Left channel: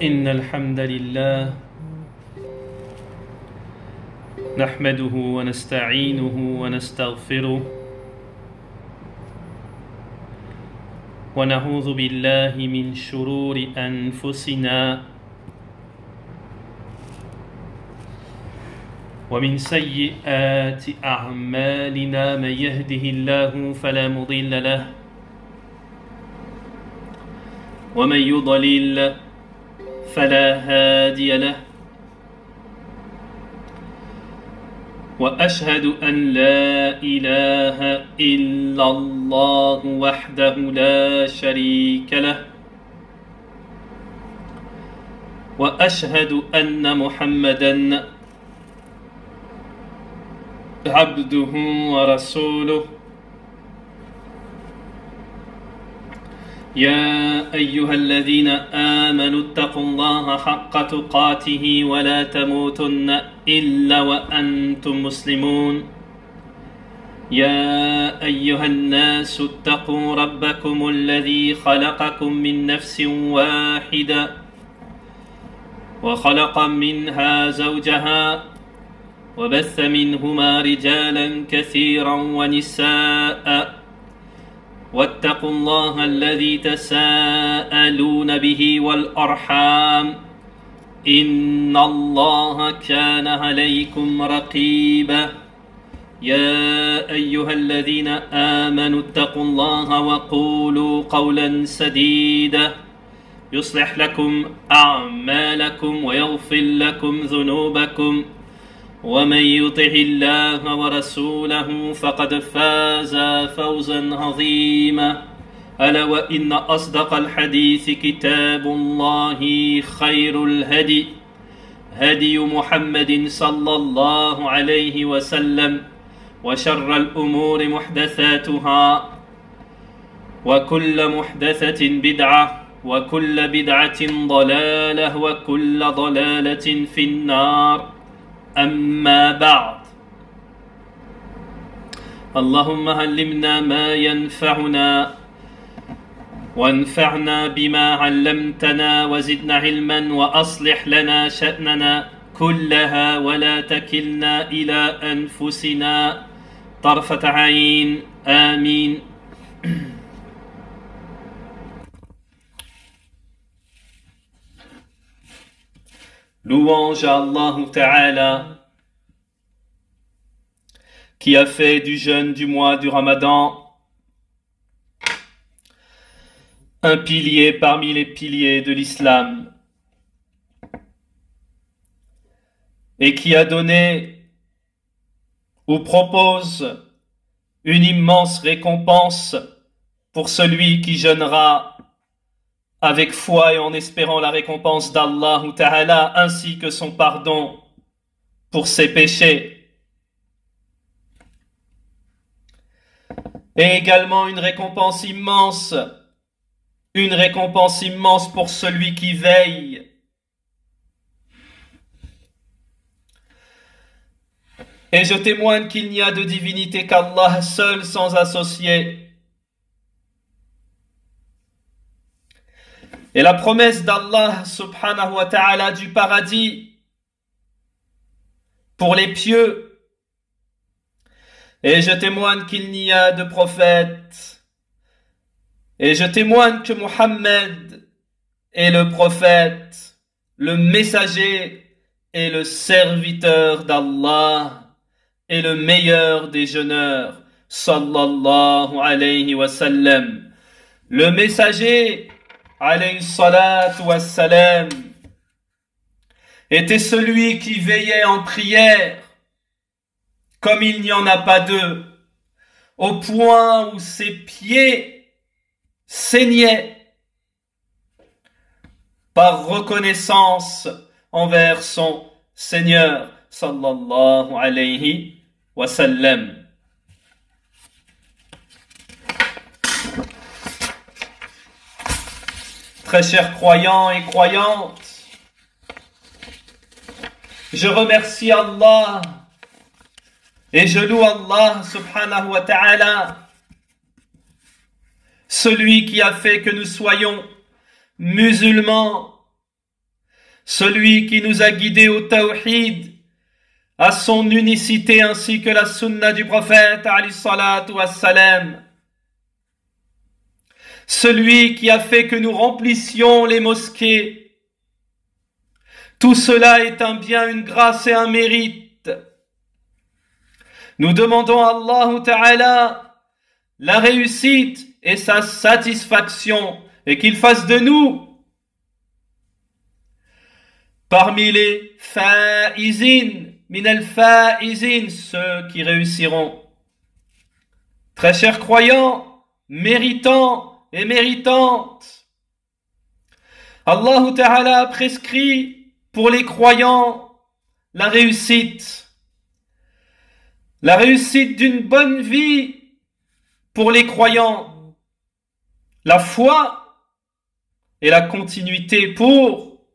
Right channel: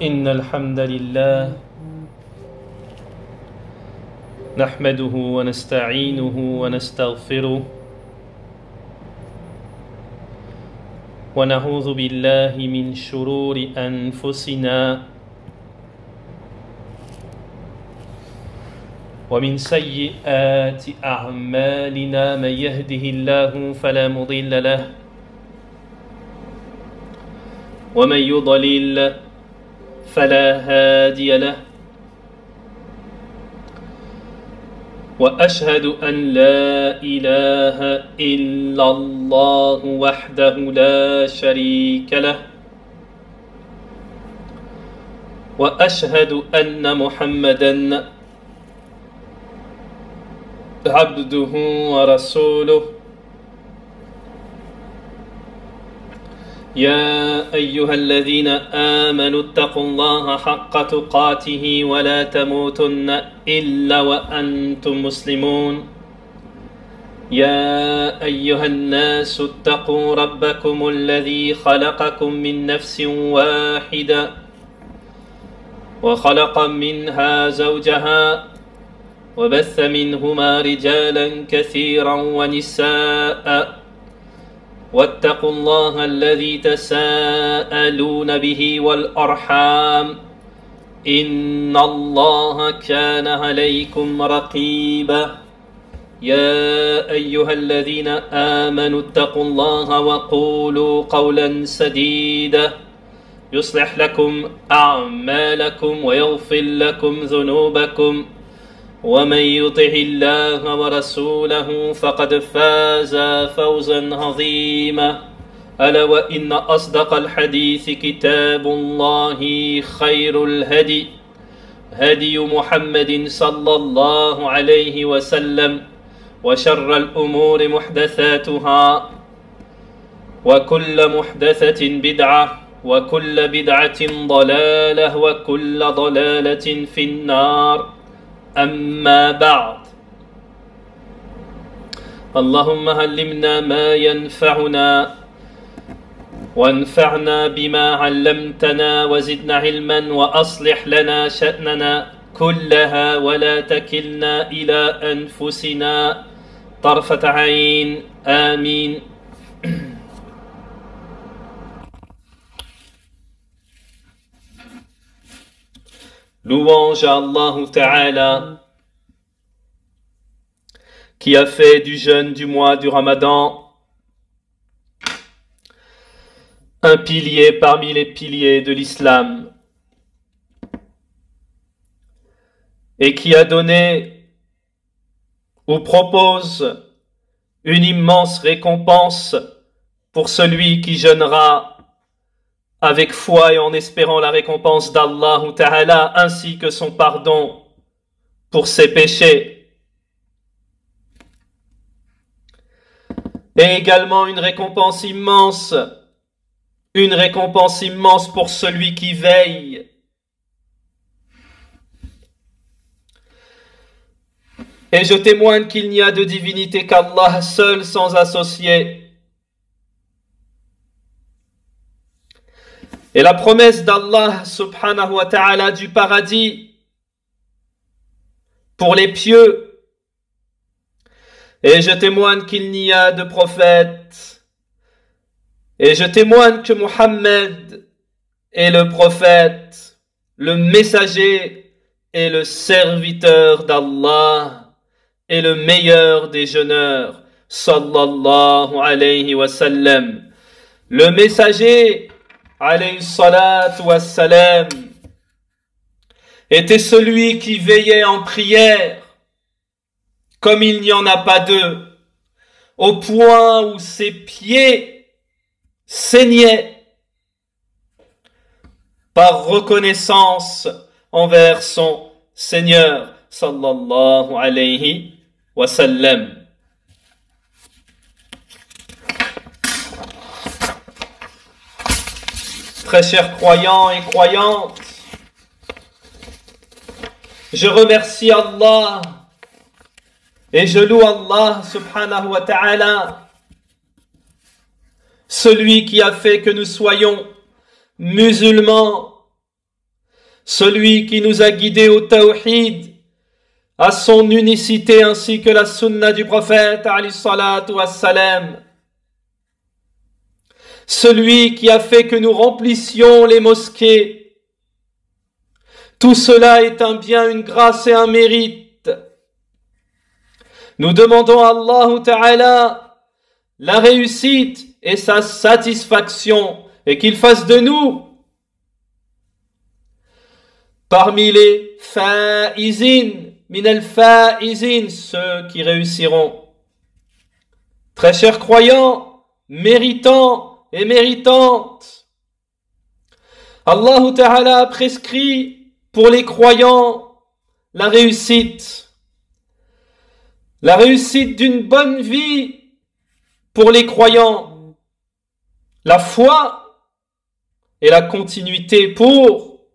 إن الحمد لله نحمده ونستعينه ونستغفره ونعوذ بالله من شرور أنفسنا ومن سيئات أعمالنا من يهده الله فلا مضل له ومن يضلل فلا هادي له وأشهد أن لا إله إلا الله وحده لا شريك له وأشهد أن محمدًا عبده ورسوله يا أيها الذين آمنوا اتقوا الله حق تقاته ولا تموتن إلا وأنتم مسلمون يا أيها الناس اتقوا ربكم الذي خلقكم من نفس واحدة وخلق منها زوجها وبث منهما رجالا كثيرا ونساء واتقوا الله الذي تساءلون به والأرحام إن الله كان عليكم رقيبا يا أيها الذين آمنوا اتقوا الله وقولوا قولا سديدا يصلح لكم أعمالكم ويغفر لكم ذنوبكم ومن يطع الله ورسوله فقد فاز فوزا عظيما ألا وإن أصدق الحديث كتاب الله خير الهدي هدي محمد صلى الله عليه وسلم وشر الأمور محدثاتها وكل محدثة بدعة وكل بدعة ضلالة وكل ضلالة في النار أما بعد اللهم علمنا ما ينفعنا وانفعنا بما علمتنا وزدنا علما وأصلح لنا شأننا كلها ولا تكلنا إلى أنفسنا طرفة عين آمين. Louange à Allah Ta'ala qui a fait du jeûne du mois du Ramadan un pilier parmi les piliers de l'islam et qui a donné ou propose une immense récompense pour celui qui jeûnera avec foi et en espérant la récompense d'Allah Ta'ala ainsi que son pardon pour ses péchés. Et également une récompense immense pour celui qui veille. Et je témoigne qu'il n'y a de divinité qu'Allah seul sans associé. Et la promesse d'Allah subhanahu wa ta'ala du paradis pour les pieux. Et je témoigne qu'il n'y a de prophète. Et je témoigne que Muhammad est le prophète, le messager et le serviteur d'Allah et le meilleur des jeûneurs. Sallallahu alayhi wa sallam. Le messager alayhi salatu wassalam, était celui qui veillait en prière, comme il n'y en a pas deux, au point où ses pieds saignaient par reconnaissance envers son Seigneur, sallallahu alayhi wa sallam. Très chers croyants et croyantes, je remercie Allah et je loue Allah subhanahu wa ta'ala, celui qui a fait que nous soyons musulmans celui qui nous a guidés au tawhid, à son unicité ainsi que la sunna du prophète alayhi salatu wassalam, celui qui a fait que nous remplissions les mosquées. Tout cela est un bien, une grâce et un mérite. Nous demandons à Allah Ta'ala la réussite et sa satisfaction et qu'il fasse de nous parmi les faizin, min al-faizin, ceux qui réussiront. Très chers croyants, méritants et méritantes, Allah Ta'ala a prescrit pour les croyants la réussite d'une bonne vie pour les croyants, la foi et la continuité pour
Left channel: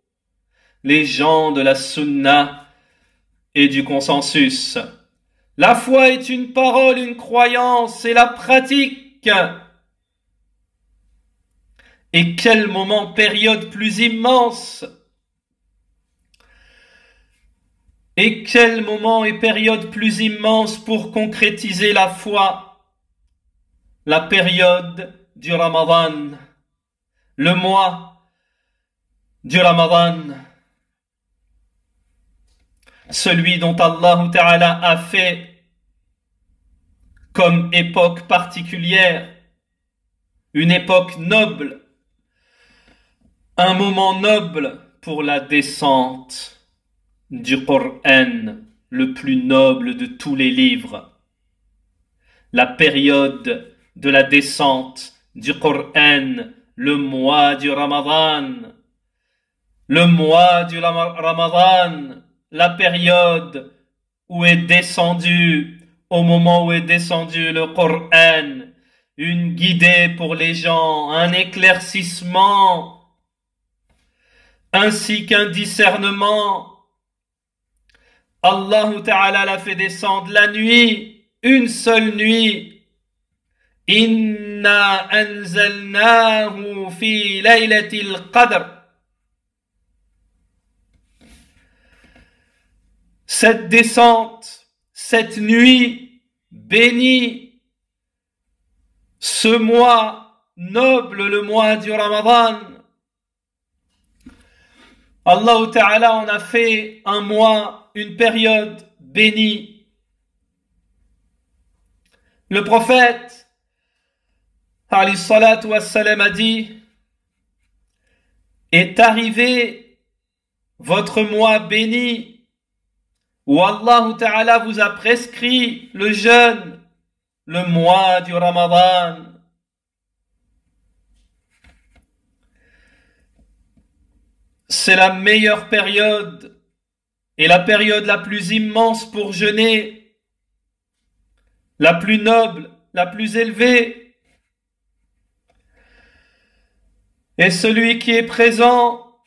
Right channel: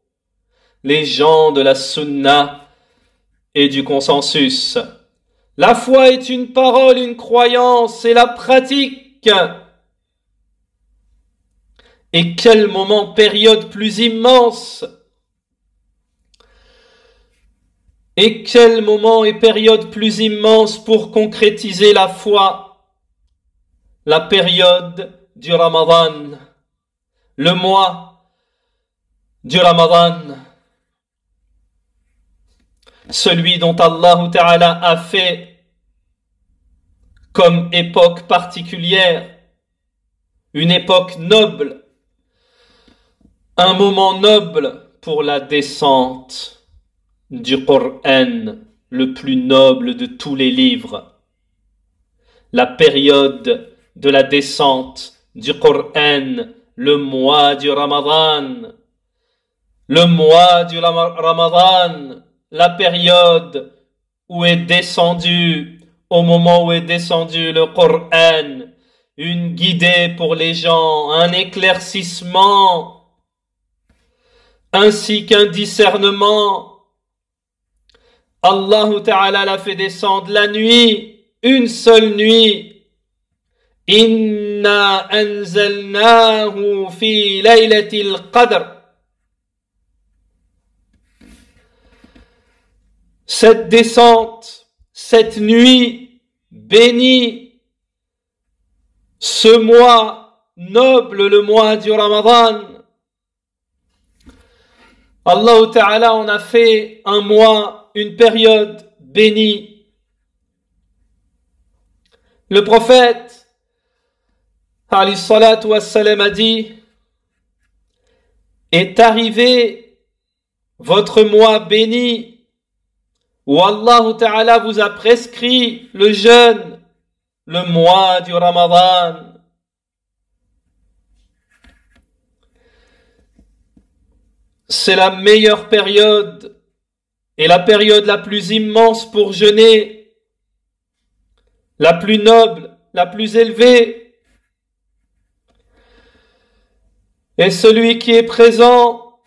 les gens de la sunna et du consensus. La foi est une parole, une croyance et la pratique. Et quel moment, période plus immense! Et quel moment et période plus immense pour concrétiser la foi! La période du Ramadan, le mois du Ramadan, celui dont Allah Ta'ala a fait comme époque particulière, une époque noble, un moment noble pour la descente du Coran, le plus noble de tous les livres. La période de la descente du Coran, le mois du Ramadan. Le mois du Ramadan, la période où est descendu, au moment où est descendu le Coran, une guidée pour les gens, un éclaircissement, ainsi qu'un discernement. Allah Ta'ala l'a fait descendre la nuit, une seule nuit. Inna anzalnahu fi laylatil qadr. Cette descente, cette nuit bénie, ce mois noble, le mois du Ramadan, Allah Ta'ala en a fait un mois, une période bénie. Le prophète alayhi salatu wassalam a dit: est arrivé votre mois béni où Allah Ta'ala vous a prescrit le jeûne, le mois du Ramadan. C'est la meilleure période et la période la plus immense pour jeûner, la plus noble, la plus élevée. Et celui qui est présent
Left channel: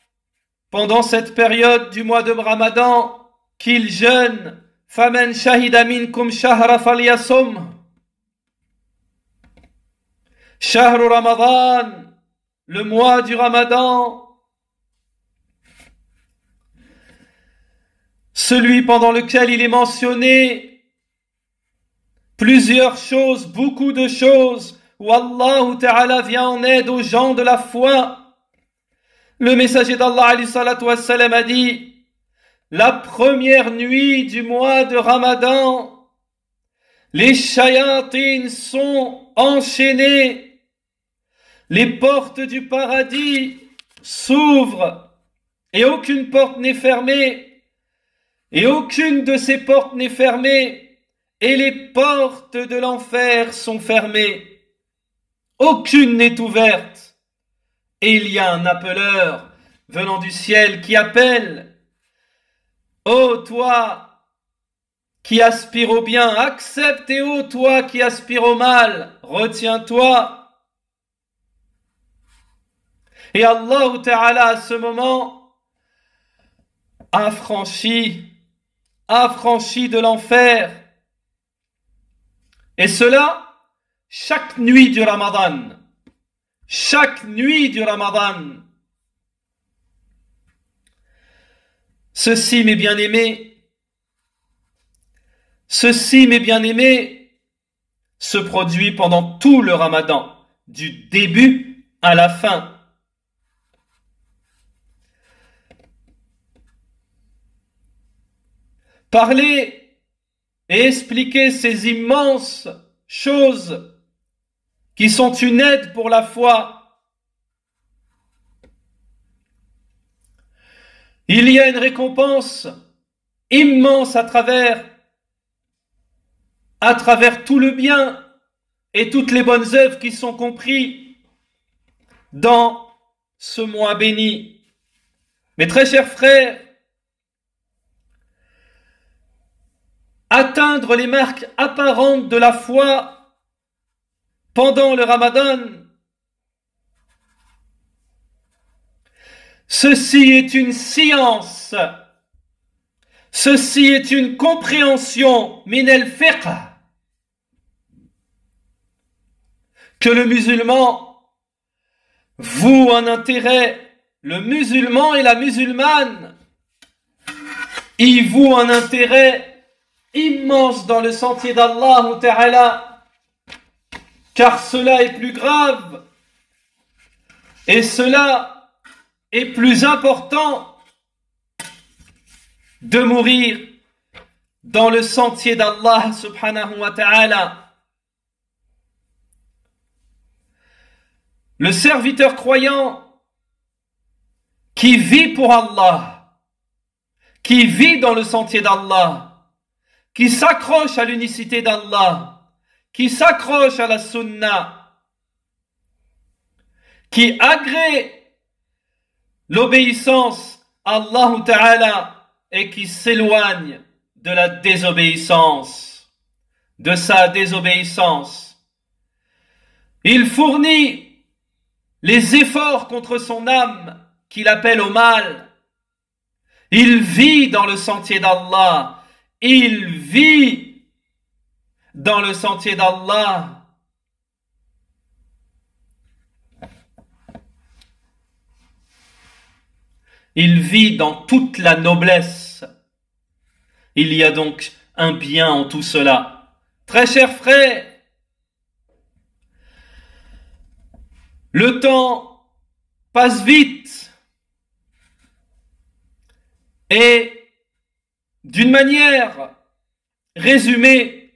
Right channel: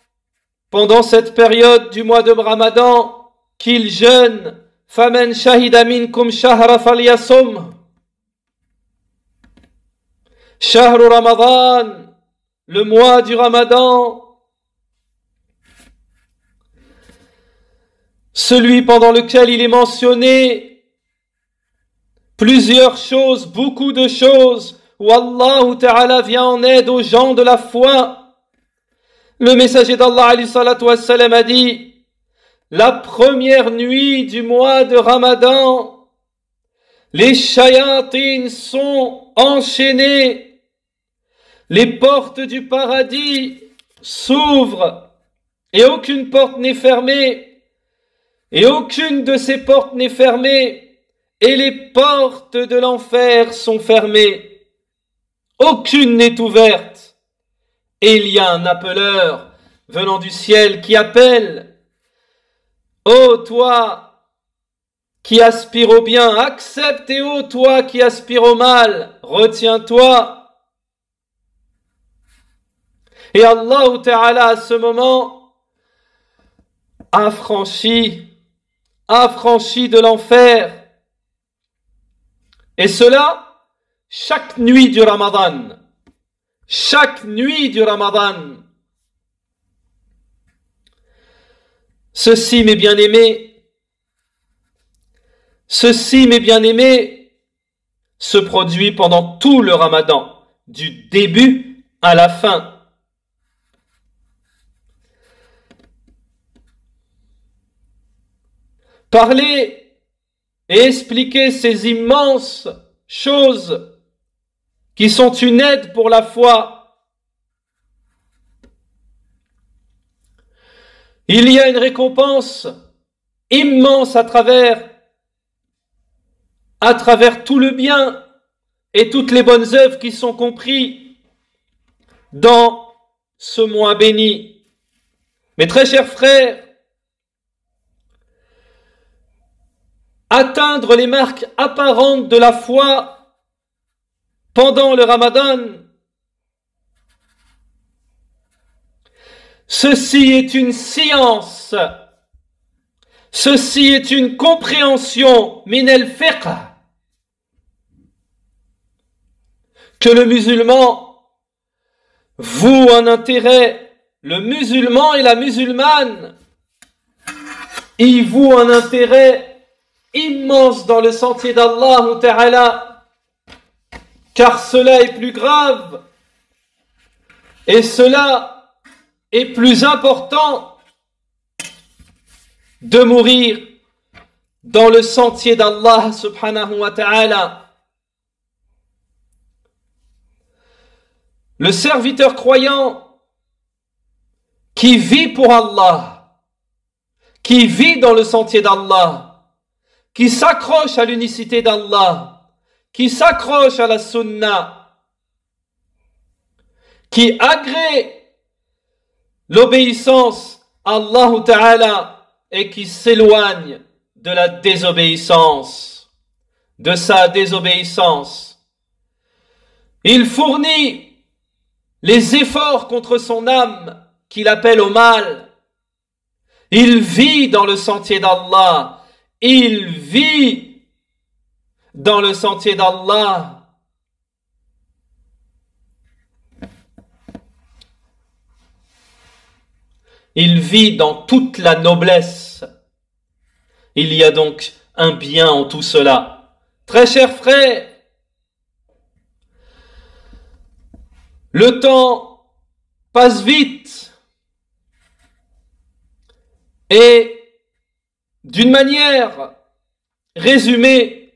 pendant cette période du mois de Ramadan, qu'il jeûne, faman shahida minkum shahra falyasum. Shahru Ramadan, le mois du Ramadan, celui pendant lequel il est mentionné plusieurs choses, beaucoup de choses, où Allah Ta'ala vient en aide aux gens de la foi. Le messager d'Allah alayhi salatu wassalam a dit: la première nuit du mois de Ramadan, les shayatines sont enchaînées, les portes du paradis s'ouvrent et aucune porte n'est fermée, et aucune de ces portes n'est fermée, et les portes de l'enfer sont fermées. Aucune n'est ouverte. Et il y a un appeleur venant du ciel qui appelle: ô toi qui aspires au bien, accepte, et ô toi qui aspires au mal, retiens-toi. Et Allah Ta'ala à ce moment affranchi de l'enfer. Et cela chaque nuit du Ramadan. Chaque nuit du Ramadan. Ceci, mes bien-aimés, se produit pendant tout le Ramadan, du début à la fin. Parler et expliquer ces immenses choses qui sont une aide pour la foi. Il y a une récompense immense à travers tout le bien et toutes les bonnes œuvres qui sont comprises dans ce mois béni. Mes très chers frères, atteindre les marques apparentes de la foi pendant le Ramadan, ceci est une science, ceci est une compréhension min al-fiqh que le musulman voue un intérêt, le musulman et la musulmane y vouent un intérêt immense dans le sentier d'Allah Ta'ala, car cela est plus grave et cela est plus important de mourir dans le sentier d'Allah subhanahu wa ta'ala. Le serviteur croyant qui vit pour Allah, qui vit dans le sentier d'Allah, qui s'accroche à l'unicité d'Allah, qui s'accroche à la sunna, qui agrée l'obéissance à Allah Ta'ala et qui s'éloigne de la désobéissance, de sa désobéissance. Il fournit les efforts contre son âme qu'il appelle au mal. Il vit dans le sentier d'Allah. Il vit dans le sentier d'Allah. Il vit dans toute la noblesse. Il y a donc un bien en tout cela. Très chers frères, le temps passe vite et d'une manière résumée,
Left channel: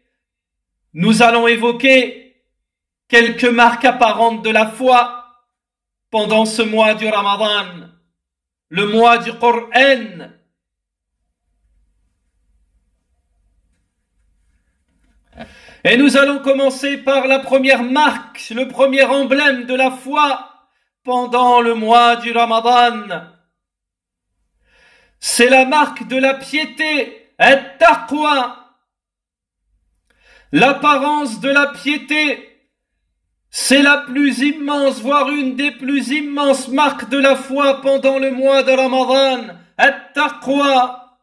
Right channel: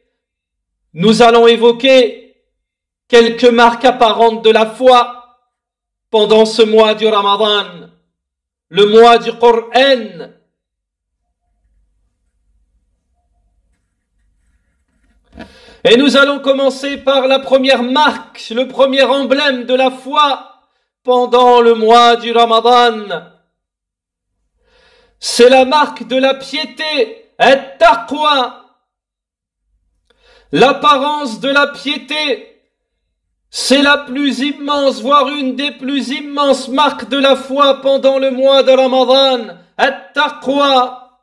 nous allons évoquer quelques marques apparentes de la foi pendant ce mois du Ramadan, le mois du Coran. Et nous allons commencer par la première marque, le premier emblème de la foi pendant le mois du Ramadan. C'est la marque de la piété, at-taqwa. L'apparence de la piété, c'est la plus immense, voire une des plus immenses marques de la foi pendant le mois de Ramadan, at-taqwa.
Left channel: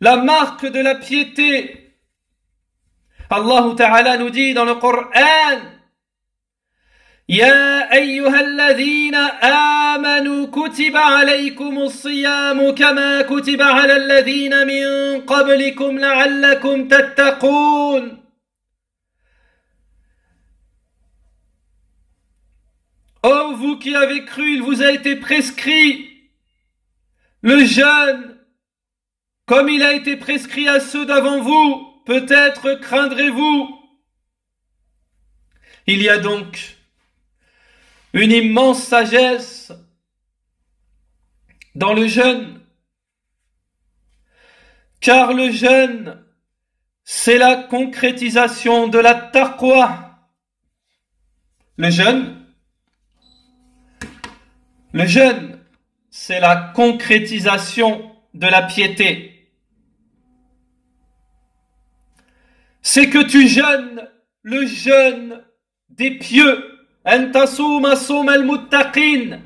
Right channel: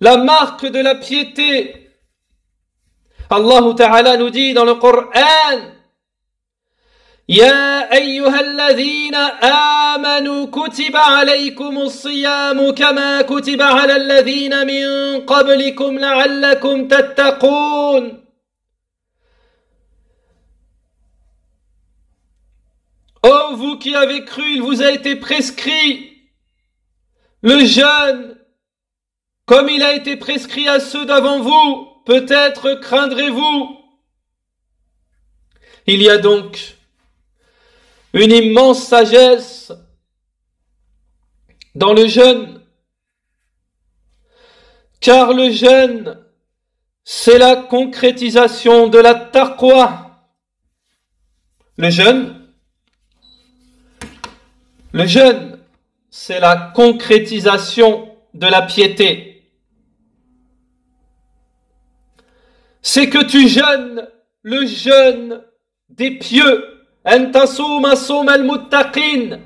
La marque de la piété. Allah Ta'ala nous dit dans le Coran, يا أيها الذين آمنوا كتب عليكم الصيام كما كتب على الذين من قبلكم لعلكم تتقون. Oh, vous qui avez cru, il vous a été prescrit le jeûne comme il a été prescrit à ceux d'avant vous. Peut-être craindrez-vous. Il y a donc une immense sagesse dans le jeûne, car le jeûne, c'est la concrétisation de la taqwa. Le jeûne, c'est la concrétisation de la piété. C'est que tu jeûnes le jeûne des pieux. أن تصوم صوم المتقين.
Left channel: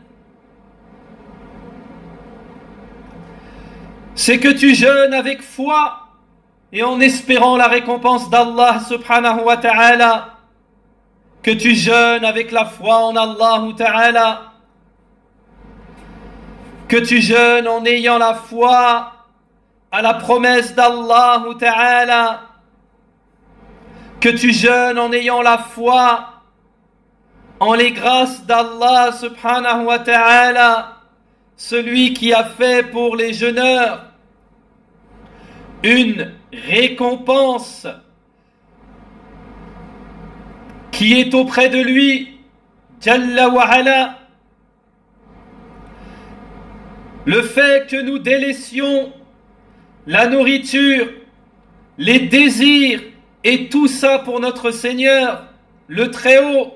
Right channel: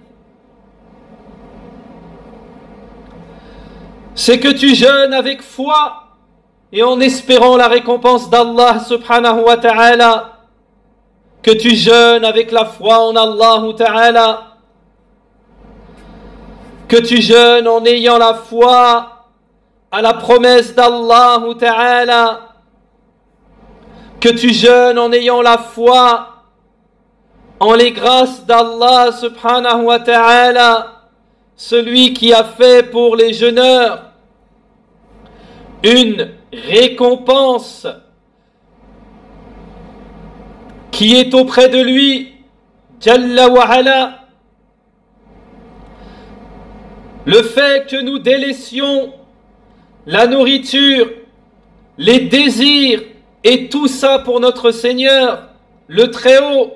C'est que tu jeûnes avec foi et en espérant la récompense d'Allah subhanahu wa ta'ala. Que tu jeûnes avec la foi en Allah ta'ala. que tu jeûnes en ayant la foi à la promesse d'Allah Ta'ala, que tu jeûnes en ayant la foi en les grâces d'Allah subhanahu wa ta'ala, celui qui a fait pour les jeûneurs une récompense qui est auprès de lui, Jalla wa ala. Le fait que nous délaissions la nourriture, les désirs et tout ça pour notre Seigneur, le Très-Haut,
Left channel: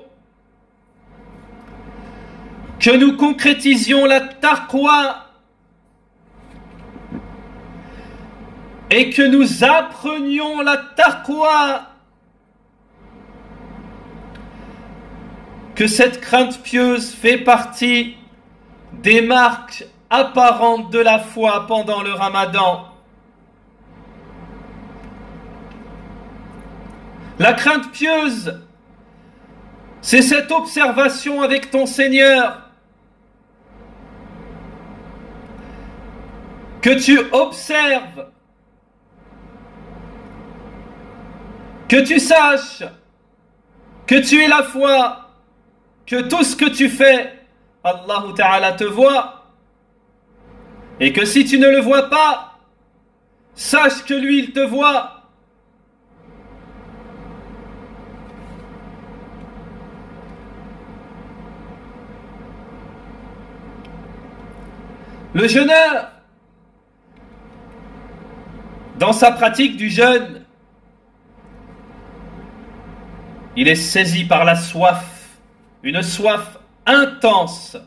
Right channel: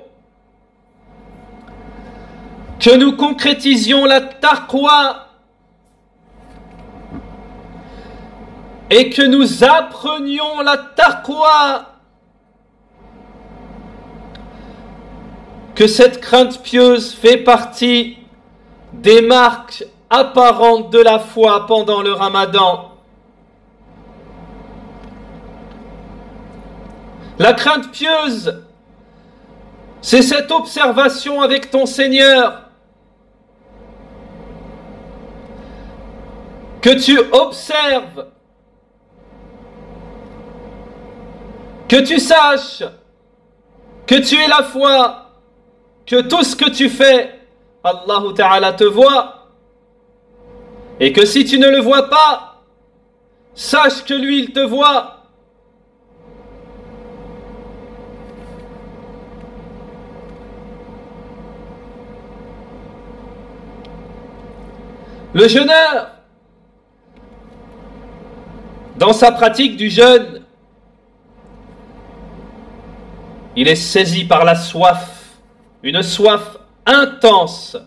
que nous concrétisions la taqwa et que nous apprenions la taqwa, que cette crainte pieuse fait partie des marques apparentes de la foi pendant le Ramadan. La crainte pieuse, c'est cette observation avec ton Seigneur, que tu observes, que tu saches que tu es la foi, que tout ce que tu fais, Allah Ta'ala te voit, et que si tu ne le vois pas, sache que lui il te voit. Le jeûneur, dans sa pratique du jeûne, il est saisi par la soif, une soif intense.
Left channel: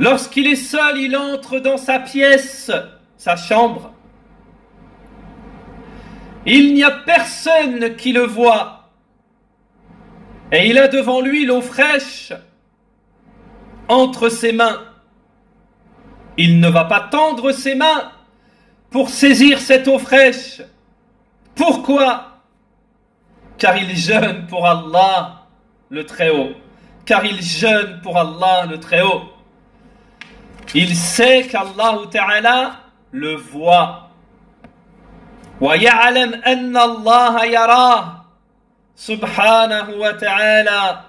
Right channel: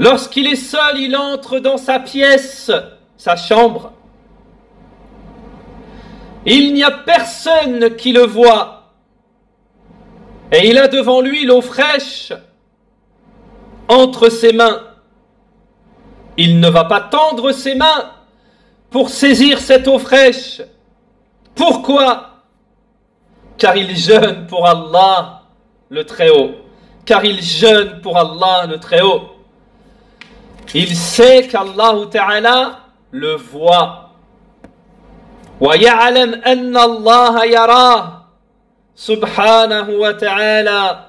Lorsqu'il est seul, il entre dans sa pièce, sa chambre. Il n'y a personne qui le voit. Et il a devant lui l'eau fraîche entre ses mains. Il ne va pas tendre ses mains pour saisir cette eau fraîche. Pourquoi? Car il jeûne pour Allah le Très-Haut. Car il jeûne pour Allah le Très-Haut. Il sait qu'Allah Ta'ala le voit. Wa ya'lam anna Allah yarah. Subhanahu wa ta'ala.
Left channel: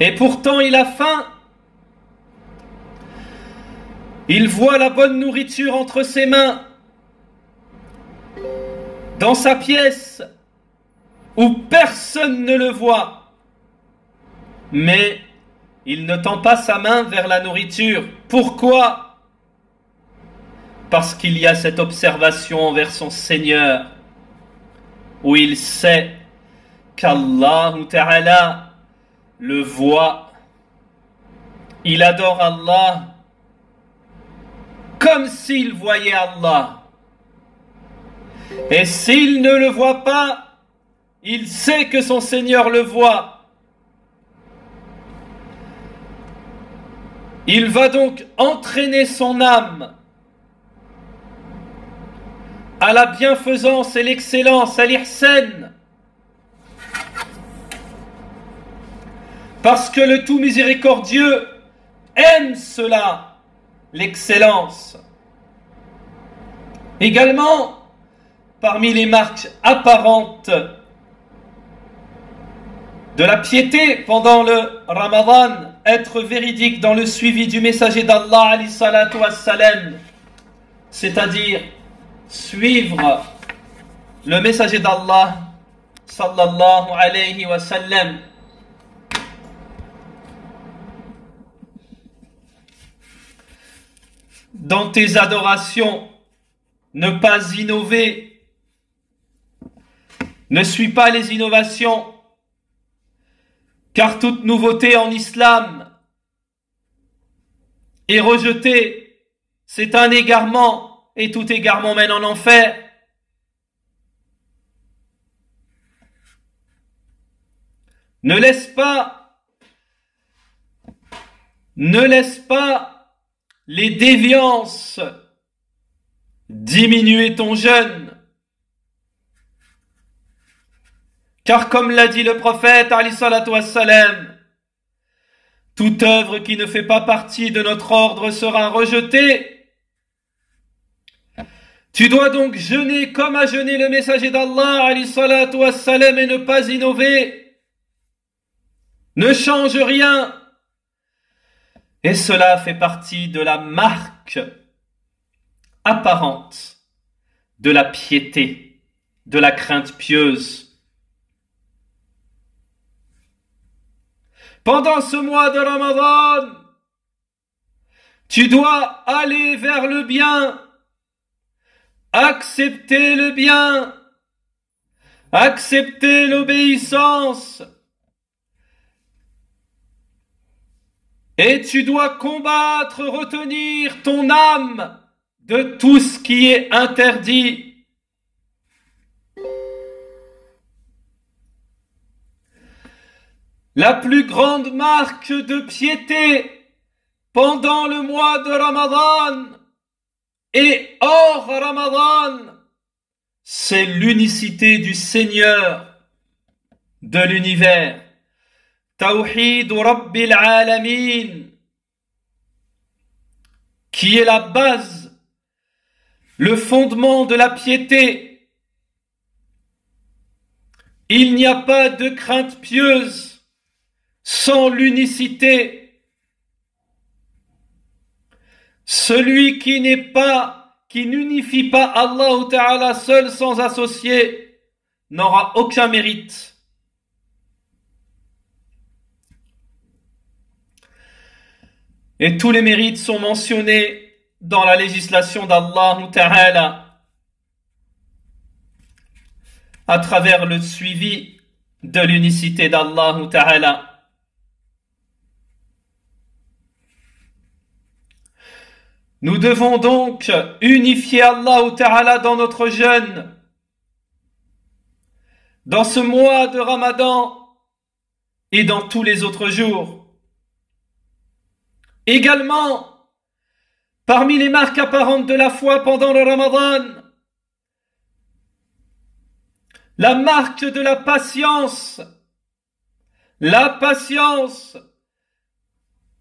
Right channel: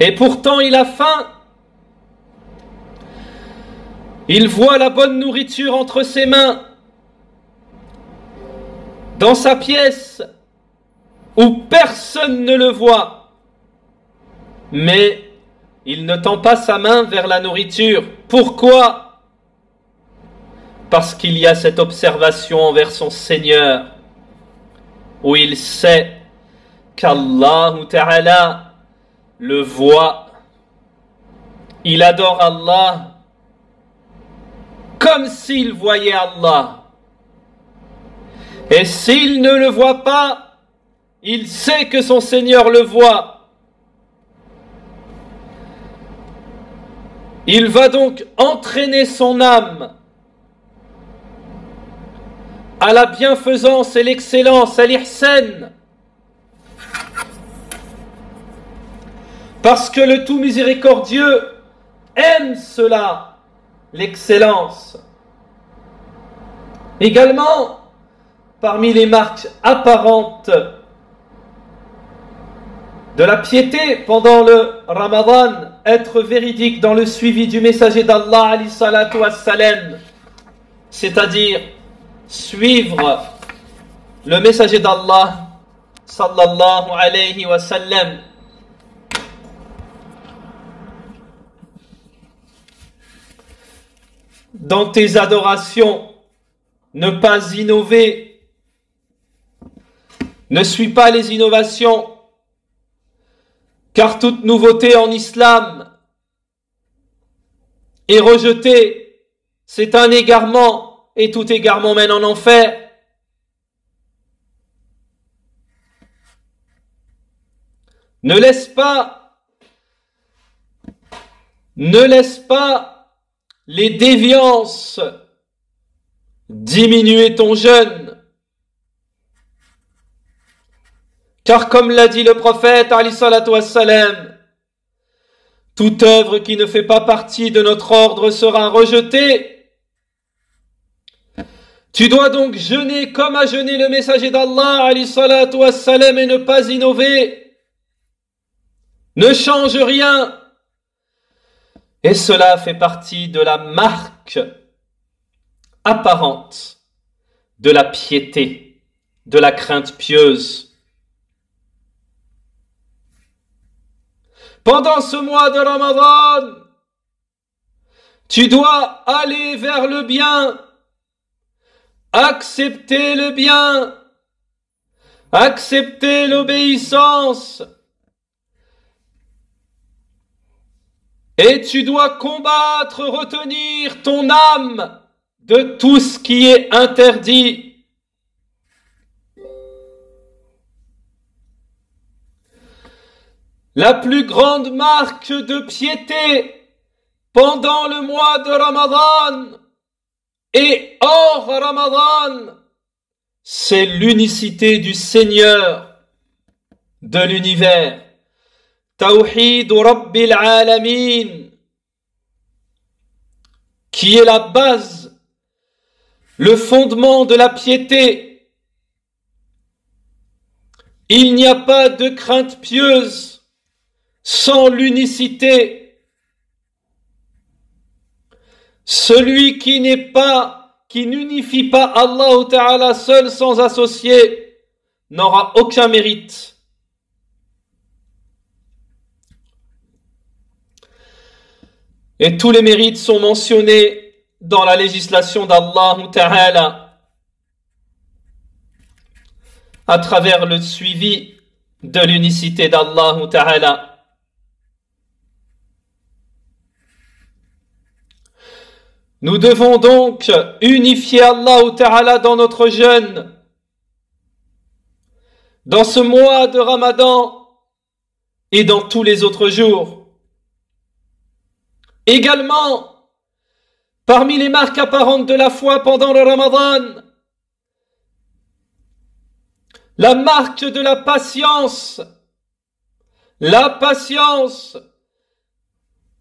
Et pourtant il a faim. Il voit la bonne nourriture entre ses mains, dans sa pièce, où personne ne le voit. Mais il ne tend pas sa main vers la nourriture. Pourquoi? Parce qu'il y a cette observation envers son Seigneur, où il sait qu'Allah Ta'ala le voit. Il adore Allah comme s'il voyait Allah. Et s'il ne le voit pas, il sait que son Seigneur le voit. Il va donc entraîner son âme à la bienfaisance et l'excellence, à l'ihsan. Parce que le tout miséricordieux aime cela, l'excellence. Également, parmi les marques apparentes de la piété pendant le Ramadan, être véridique dans le suivi du messager d'Allah, alayhi salatu wassalam, c'est-à-dire suivre le messager d'Allah sallallahu alayhi wa sallam. Dans tes adorations, ne pas innover. Ne suis pas les innovations, car toute nouveauté en islam est rejetée. C'est un égarement. Et tout égarement mène en enfer. Ne laisse pas les déviances diminuer ton jeûne. Car comme l'a dit le prophète, alayhi salatu wassalam, toute œuvre qui ne fait pas partie de notre ordre sera rejetée. Tu dois donc jeûner comme a jeûné le messager d'Allah, alayhi salatu wassalam, et ne pas innover. Ne change rien. Et cela fait partie de la marque apparente de la piété, de la crainte pieuse. Pendant ce mois de Ramadan, tu dois aller vers le bien, accepter le bien, accepter l'obéissance, et tu dois combattre, retenir ton âme de tout ce qui est interdit. La plus grande marque de piété pendant le mois de Ramadan et hors Ramadan, c'est l'unicité du Seigneur de l'univers. Tawhid Rabbil Alamin, qui est la base, le fondement de la piété. Il n'y a pas de crainte pieuse sans l'unicité. Celui qui n'unifie pas Allah Ta'ala seul sans associé n'aura aucun mérite. Et tous les mérites sont mentionnés dans la législation d'Allah Ta'ala à travers le suivi de l'unicité d'Allah Ta'ala. Nous devons donc unifier Allah Ta'ala dans notre jeûne, dans ce mois de Ramadan et dans tous les autres jours. Également, parmi les marques apparentes de la foi pendant le Ramadan, la marque de la patience. La patience.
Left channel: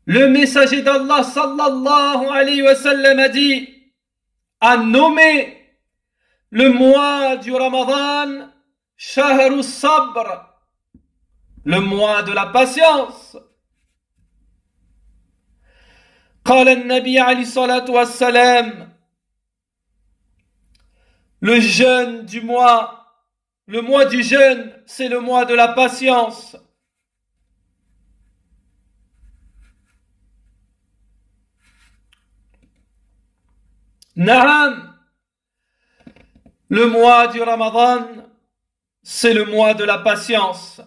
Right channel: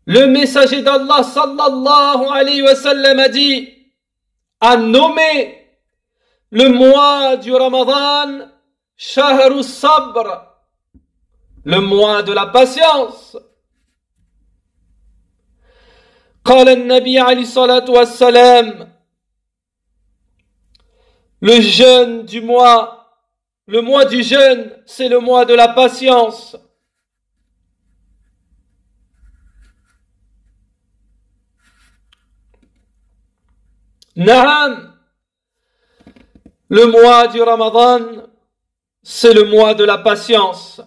Le messager d'Allah sallallahu alayhi wa sallam a nommé le mois du Ramadan Shahrus Sabr, le mois de la patience. قال النبي عليه الصلاة والسلام, le jeûne du mois, le mois du jeûne, c'est le mois de la patience. Naam, le mois du Ramadan, c'est le mois de la patience.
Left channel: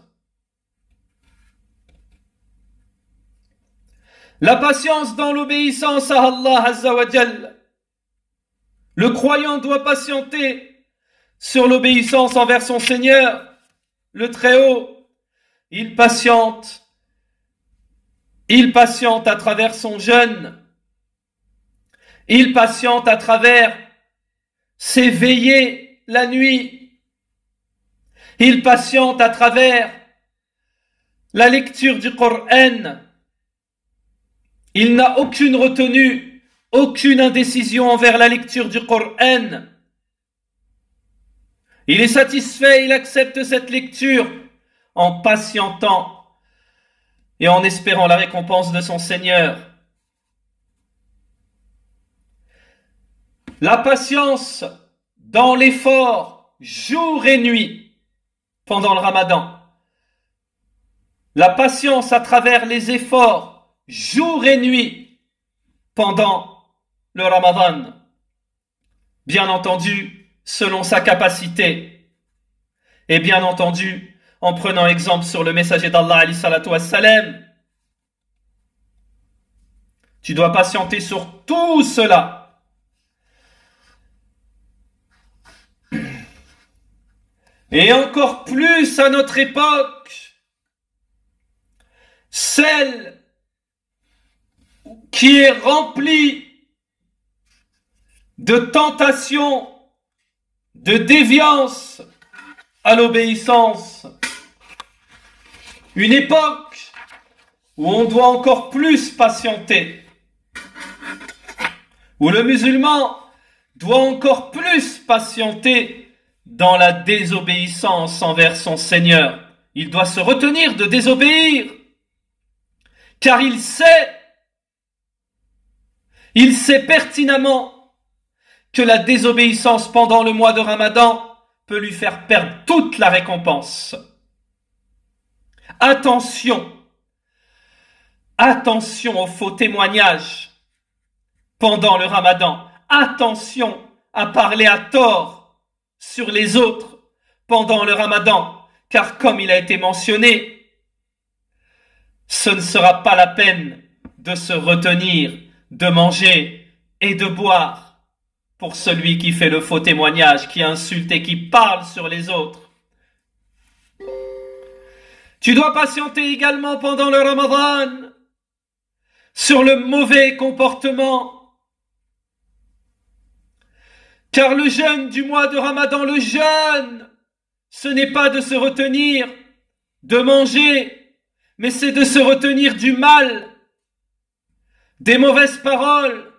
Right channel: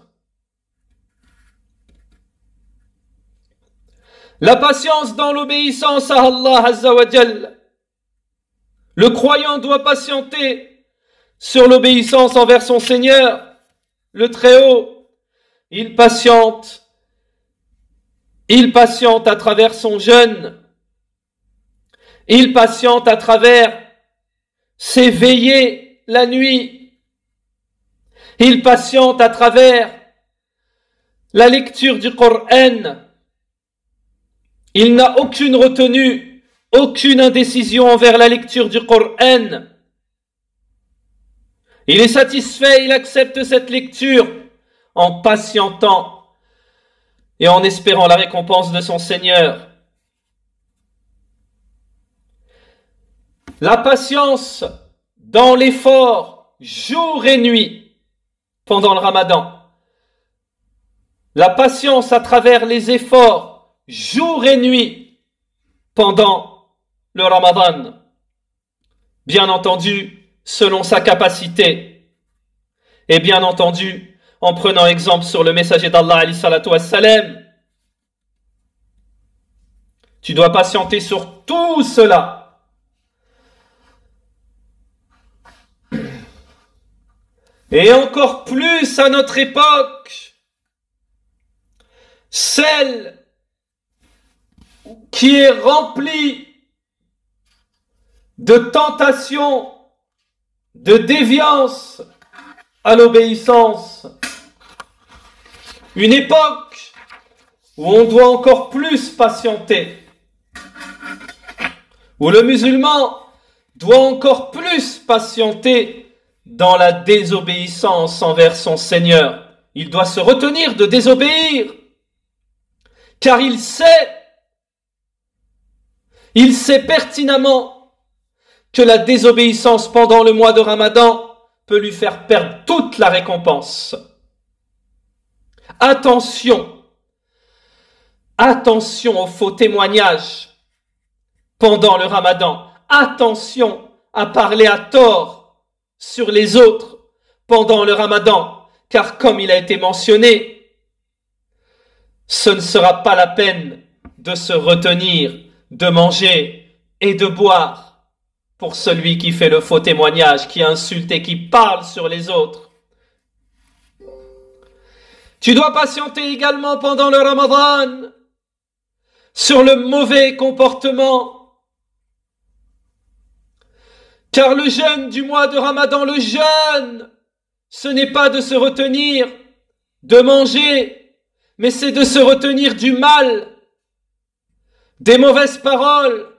La patience dans l'obéissance à Allah Azza wa Jal. Le croyant doit patienter sur l'obéissance envers son Seigneur, le Très-Haut. Il patiente à travers son jeûne. Il patiente à travers ses veillées la nuit. Il patiente à travers la lecture du Coran. Il n'a aucune retenue, aucune indécision envers la lecture du Coran. Il est satisfait, il accepte cette lecture en patientant et en espérant la récompense de son Seigneur. La patience dans l'effort, jour et nuit, pendant le Ramadan. La patience à travers les efforts, jour et nuit, pendant le Ramadan. Bien entendu, selon sa capacité. Et bien entendu, en prenant exemple sur le messager d'Allah, alayhi salatu wassalam. Tu dois patienter sur tout cela. Et encore plus à notre époque, celle qui est remplie de tentations, de déviance à l'obéissance Une époque où on doit encore plus patienter, où le musulman doit encore plus patienter dans la désobéissance envers son Seigneur. Il doit se retenir de désobéir, car il sait pertinemment que la désobéissance pendant le mois de Ramadan peut lui faire perdre toute la récompense. Attention aux faux témoignages pendant le Ramadan. Attention à parler à tort sur les autres pendant le Ramadan, car comme il a été mentionné, ce ne sera pas la peine de se retenir, de manger et de boire pour celui qui fait le faux témoignage, qui insulte et qui parle sur les autres. Tu dois patienter également pendant le Ramadan sur le mauvais comportement. Car le jeûne du mois de Ramadan, le jeûne, ce n'est pas de se retenir de manger, mais c'est de se retenir du mal, des mauvaises paroles,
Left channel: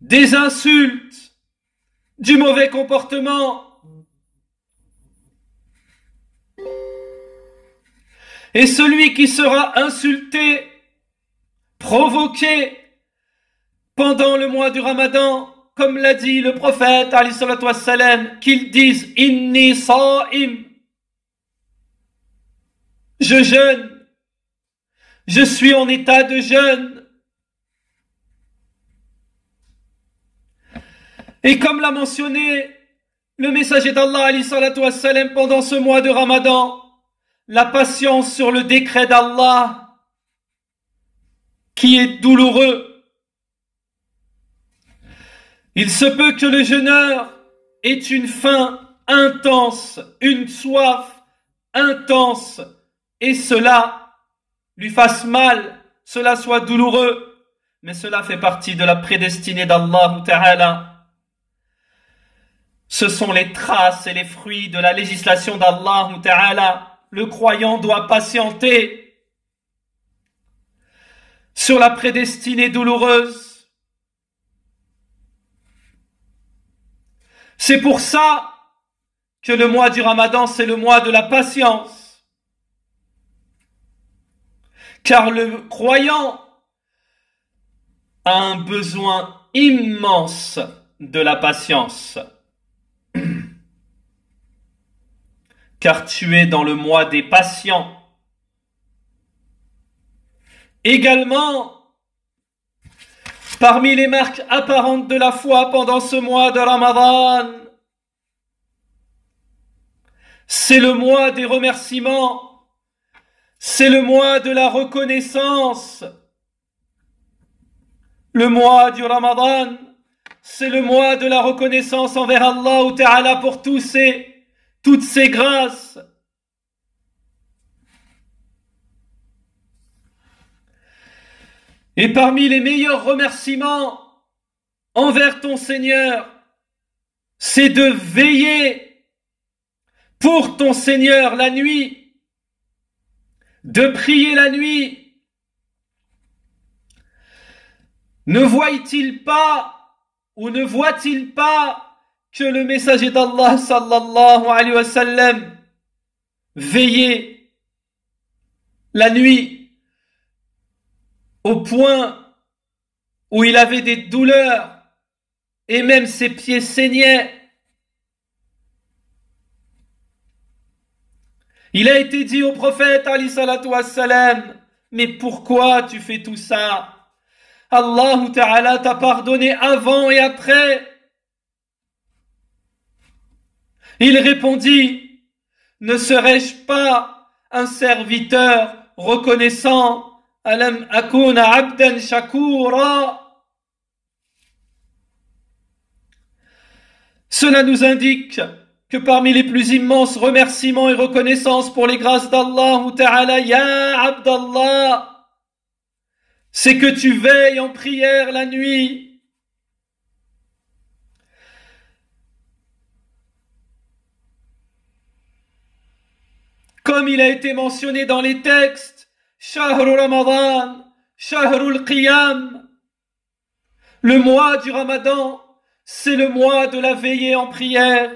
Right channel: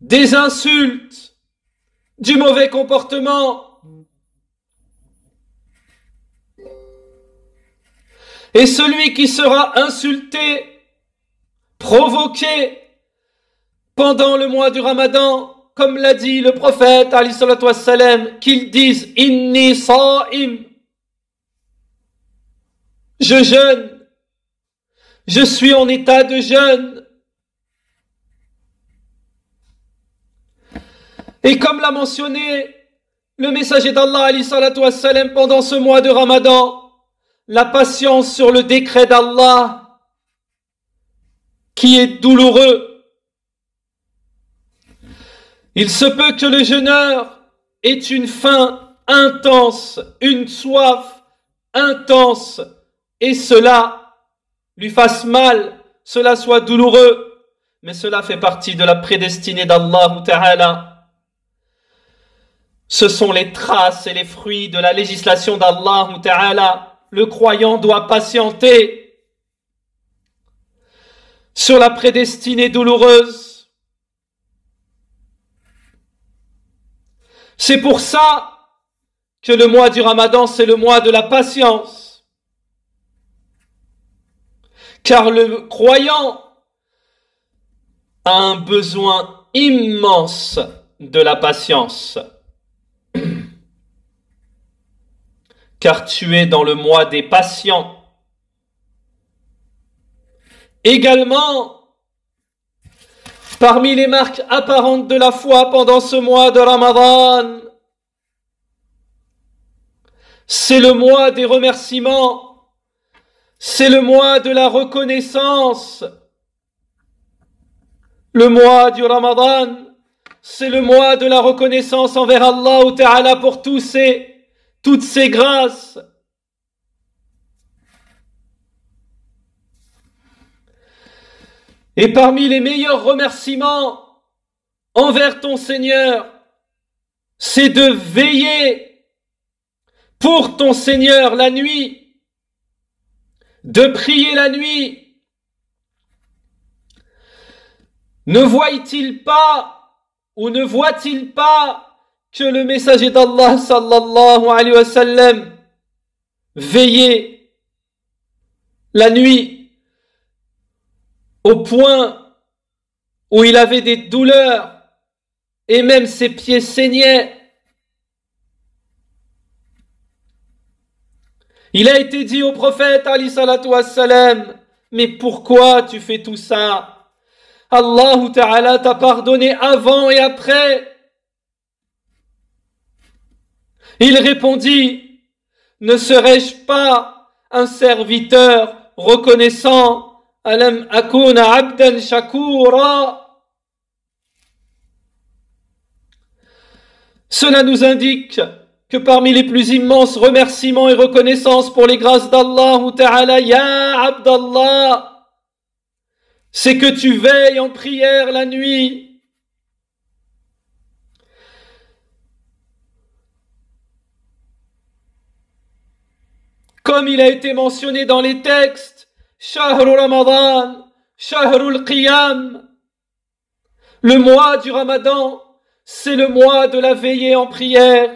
des insultes, du mauvais comportement. Et celui qui sera insulté, provoqué pendant le mois du Ramadan, comme l'a dit le prophète, alayhi salatu wassalam, qu'il dise « Inni sa'im » je jeûne, je suis en état de jeûne. Et comme l'a mentionné le messager d'Allah, alayhi salatu wassalam, pendant ce mois de Ramadan, la patience sur le décret d'Allah, qui est douloureux. Il se peut que le jeûneur ait une faim intense, une soif intense, et cela lui fasse mal, cela soit douloureux, mais cela fait partie de la prédestinée d'Allah Ta'ala. Ce sont les traces et les fruits de la législation d'Allah Ta'ala. Le croyant doit patienter sur la prédestinée douloureuse. C'est pour ça que le mois du Ramadan, c'est le mois de la patience. Car le croyant a un besoin immense de la patience. Car tu es dans le mois des patients. Également, parmi les marques apparentes de la foi pendant ce mois de Ramadan, c'est le mois des remerciements, c'est le mois de la reconnaissance. Le mois du Ramadan, c'est le mois de la reconnaissance envers Allah Ta'ala pour toutes ces grâces. Et parmi les meilleurs remerciements envers ton Seigneur, c'est de veiller pour ton Seigneur la nuit, de prier la nuit. Ne voit-il pas ou ne voit-il pas que le messager d'Allah sallallahu alayhi wa sallam veillait la nuit au point où il avait des douleurs et même ses pieds saignaient. Il a été dit au prophète alayhi salatu wassalam, mais pourquoi tu fais tout ça? Allah Ta'ala t'a pardonné avant et après. Il répondit, ne serais-je pas un serviteur reconnaissant? Alam akuna abdan shakura. Cela nous indique que parmi les plus immenses remerciements et reconnaissances pour les grâces d'Allah Ta'ala, ya Abdallah, c'est que tu veilles en prière la nuit. comme il a été mentionné dans les textes, Shahru Ramadan, Shahrul Qiyam. Le mois du Ramadan, c'est le mois de la veillée en prière.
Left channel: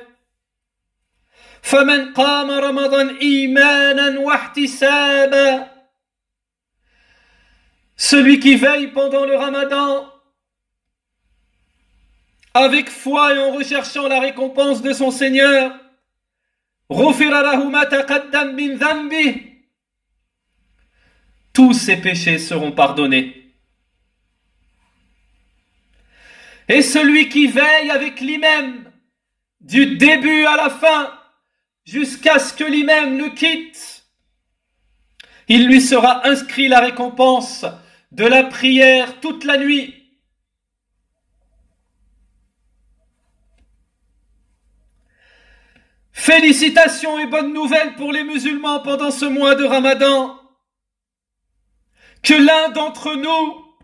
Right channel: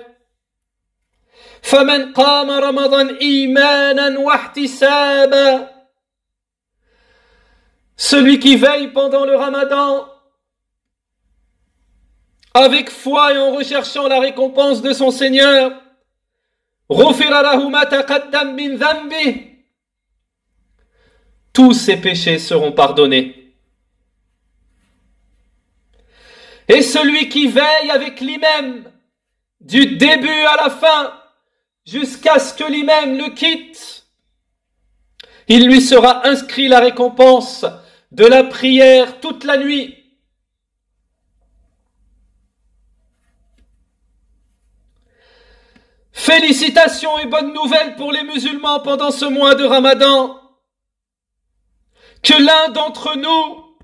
فَمَنْ قَامَ رَمَضَانَ إِيمَانًا وَاحْتِسَابًا. Celui qui veille pendant le Ramadan avec foi et en recherchant la récompense de son Seigneur, غُفِرَ لَهُ مَا تَقَدَّمَ مِنْ ذَنْبِهِ. Tous ses péchés seront pardonnés. Et celui qui veille avec l'imam du début à la fin, jusqu'à ce que l'imam le quitte, il lui sera inscrit la récompense de la prière toute la nuit. Félicitations et bonnes nouvelles pour les musulmans pendant ce mois de Ramadan. Que l'un d'entre nous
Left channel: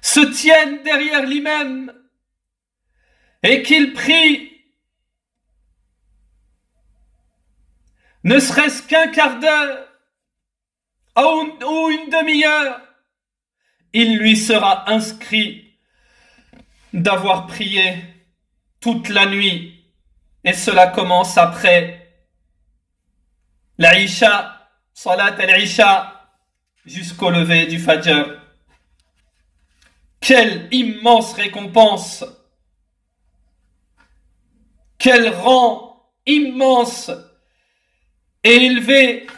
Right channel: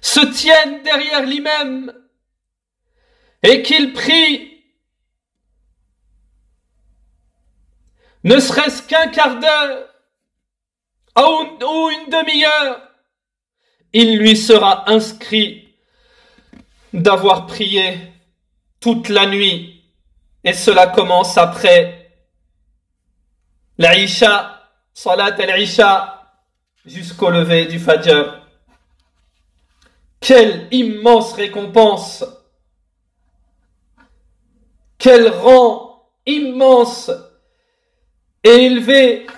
se tienne derrière l'imam et qu'il prie ne serait-ce qu'un quart d'heure ou une demi-heure, il lui sera inscrit d'avoir prié toute la nuit. Et cela commence après l'Aïcha, Salat al-Isha, jusqu'au lever du Fajr. Quelle immense récompense! Quel rang immense et élevé!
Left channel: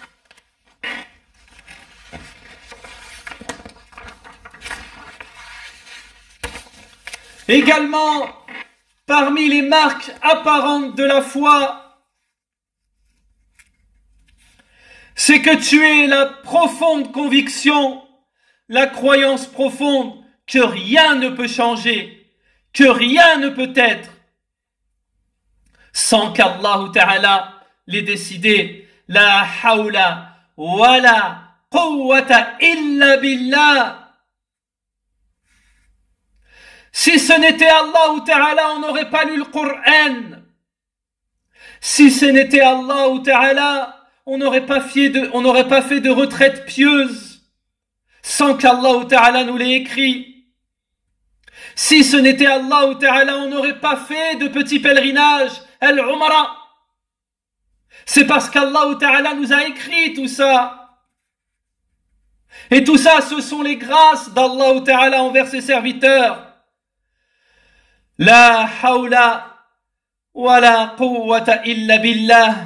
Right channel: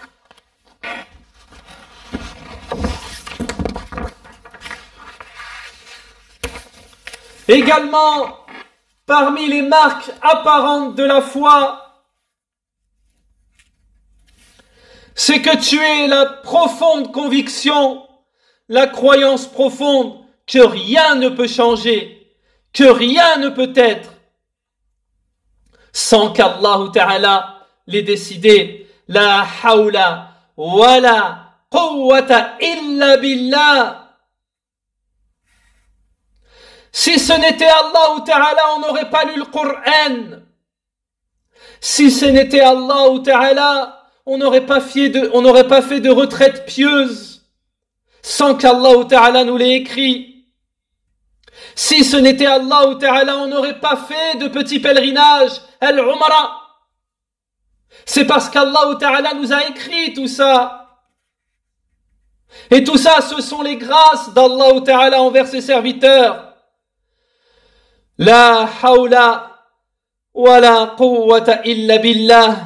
Également, parmi les marques apparentes de la foi, c'est que tu aies la profonde conviction, la croyance profonde que rien ne peut changer, que rien ne peut être sans qu'Allah Ta'ala l'ait décidé. La hawla wa la quwwata illa billah. Si ce n'était Allah Ta'ala, on n'aurait pas lu le Coran. Si ce n'était Allah Ta'ala, on n'aurait pas fait de retraite pieuse sans qu'Allah Ta'ala nous l'ait écrit. Si ce n'était Allah Ta'ala, on n'aurait pas fait de petits pèlerinages, al-Umrah. C'est parce qu'Allah Ta'ala nous a écrit tout ça. Et tout ça, ce sont les grâces d'Allah Ta'ala envers ses serviteurs. La hawla wa la quwwata illa billah.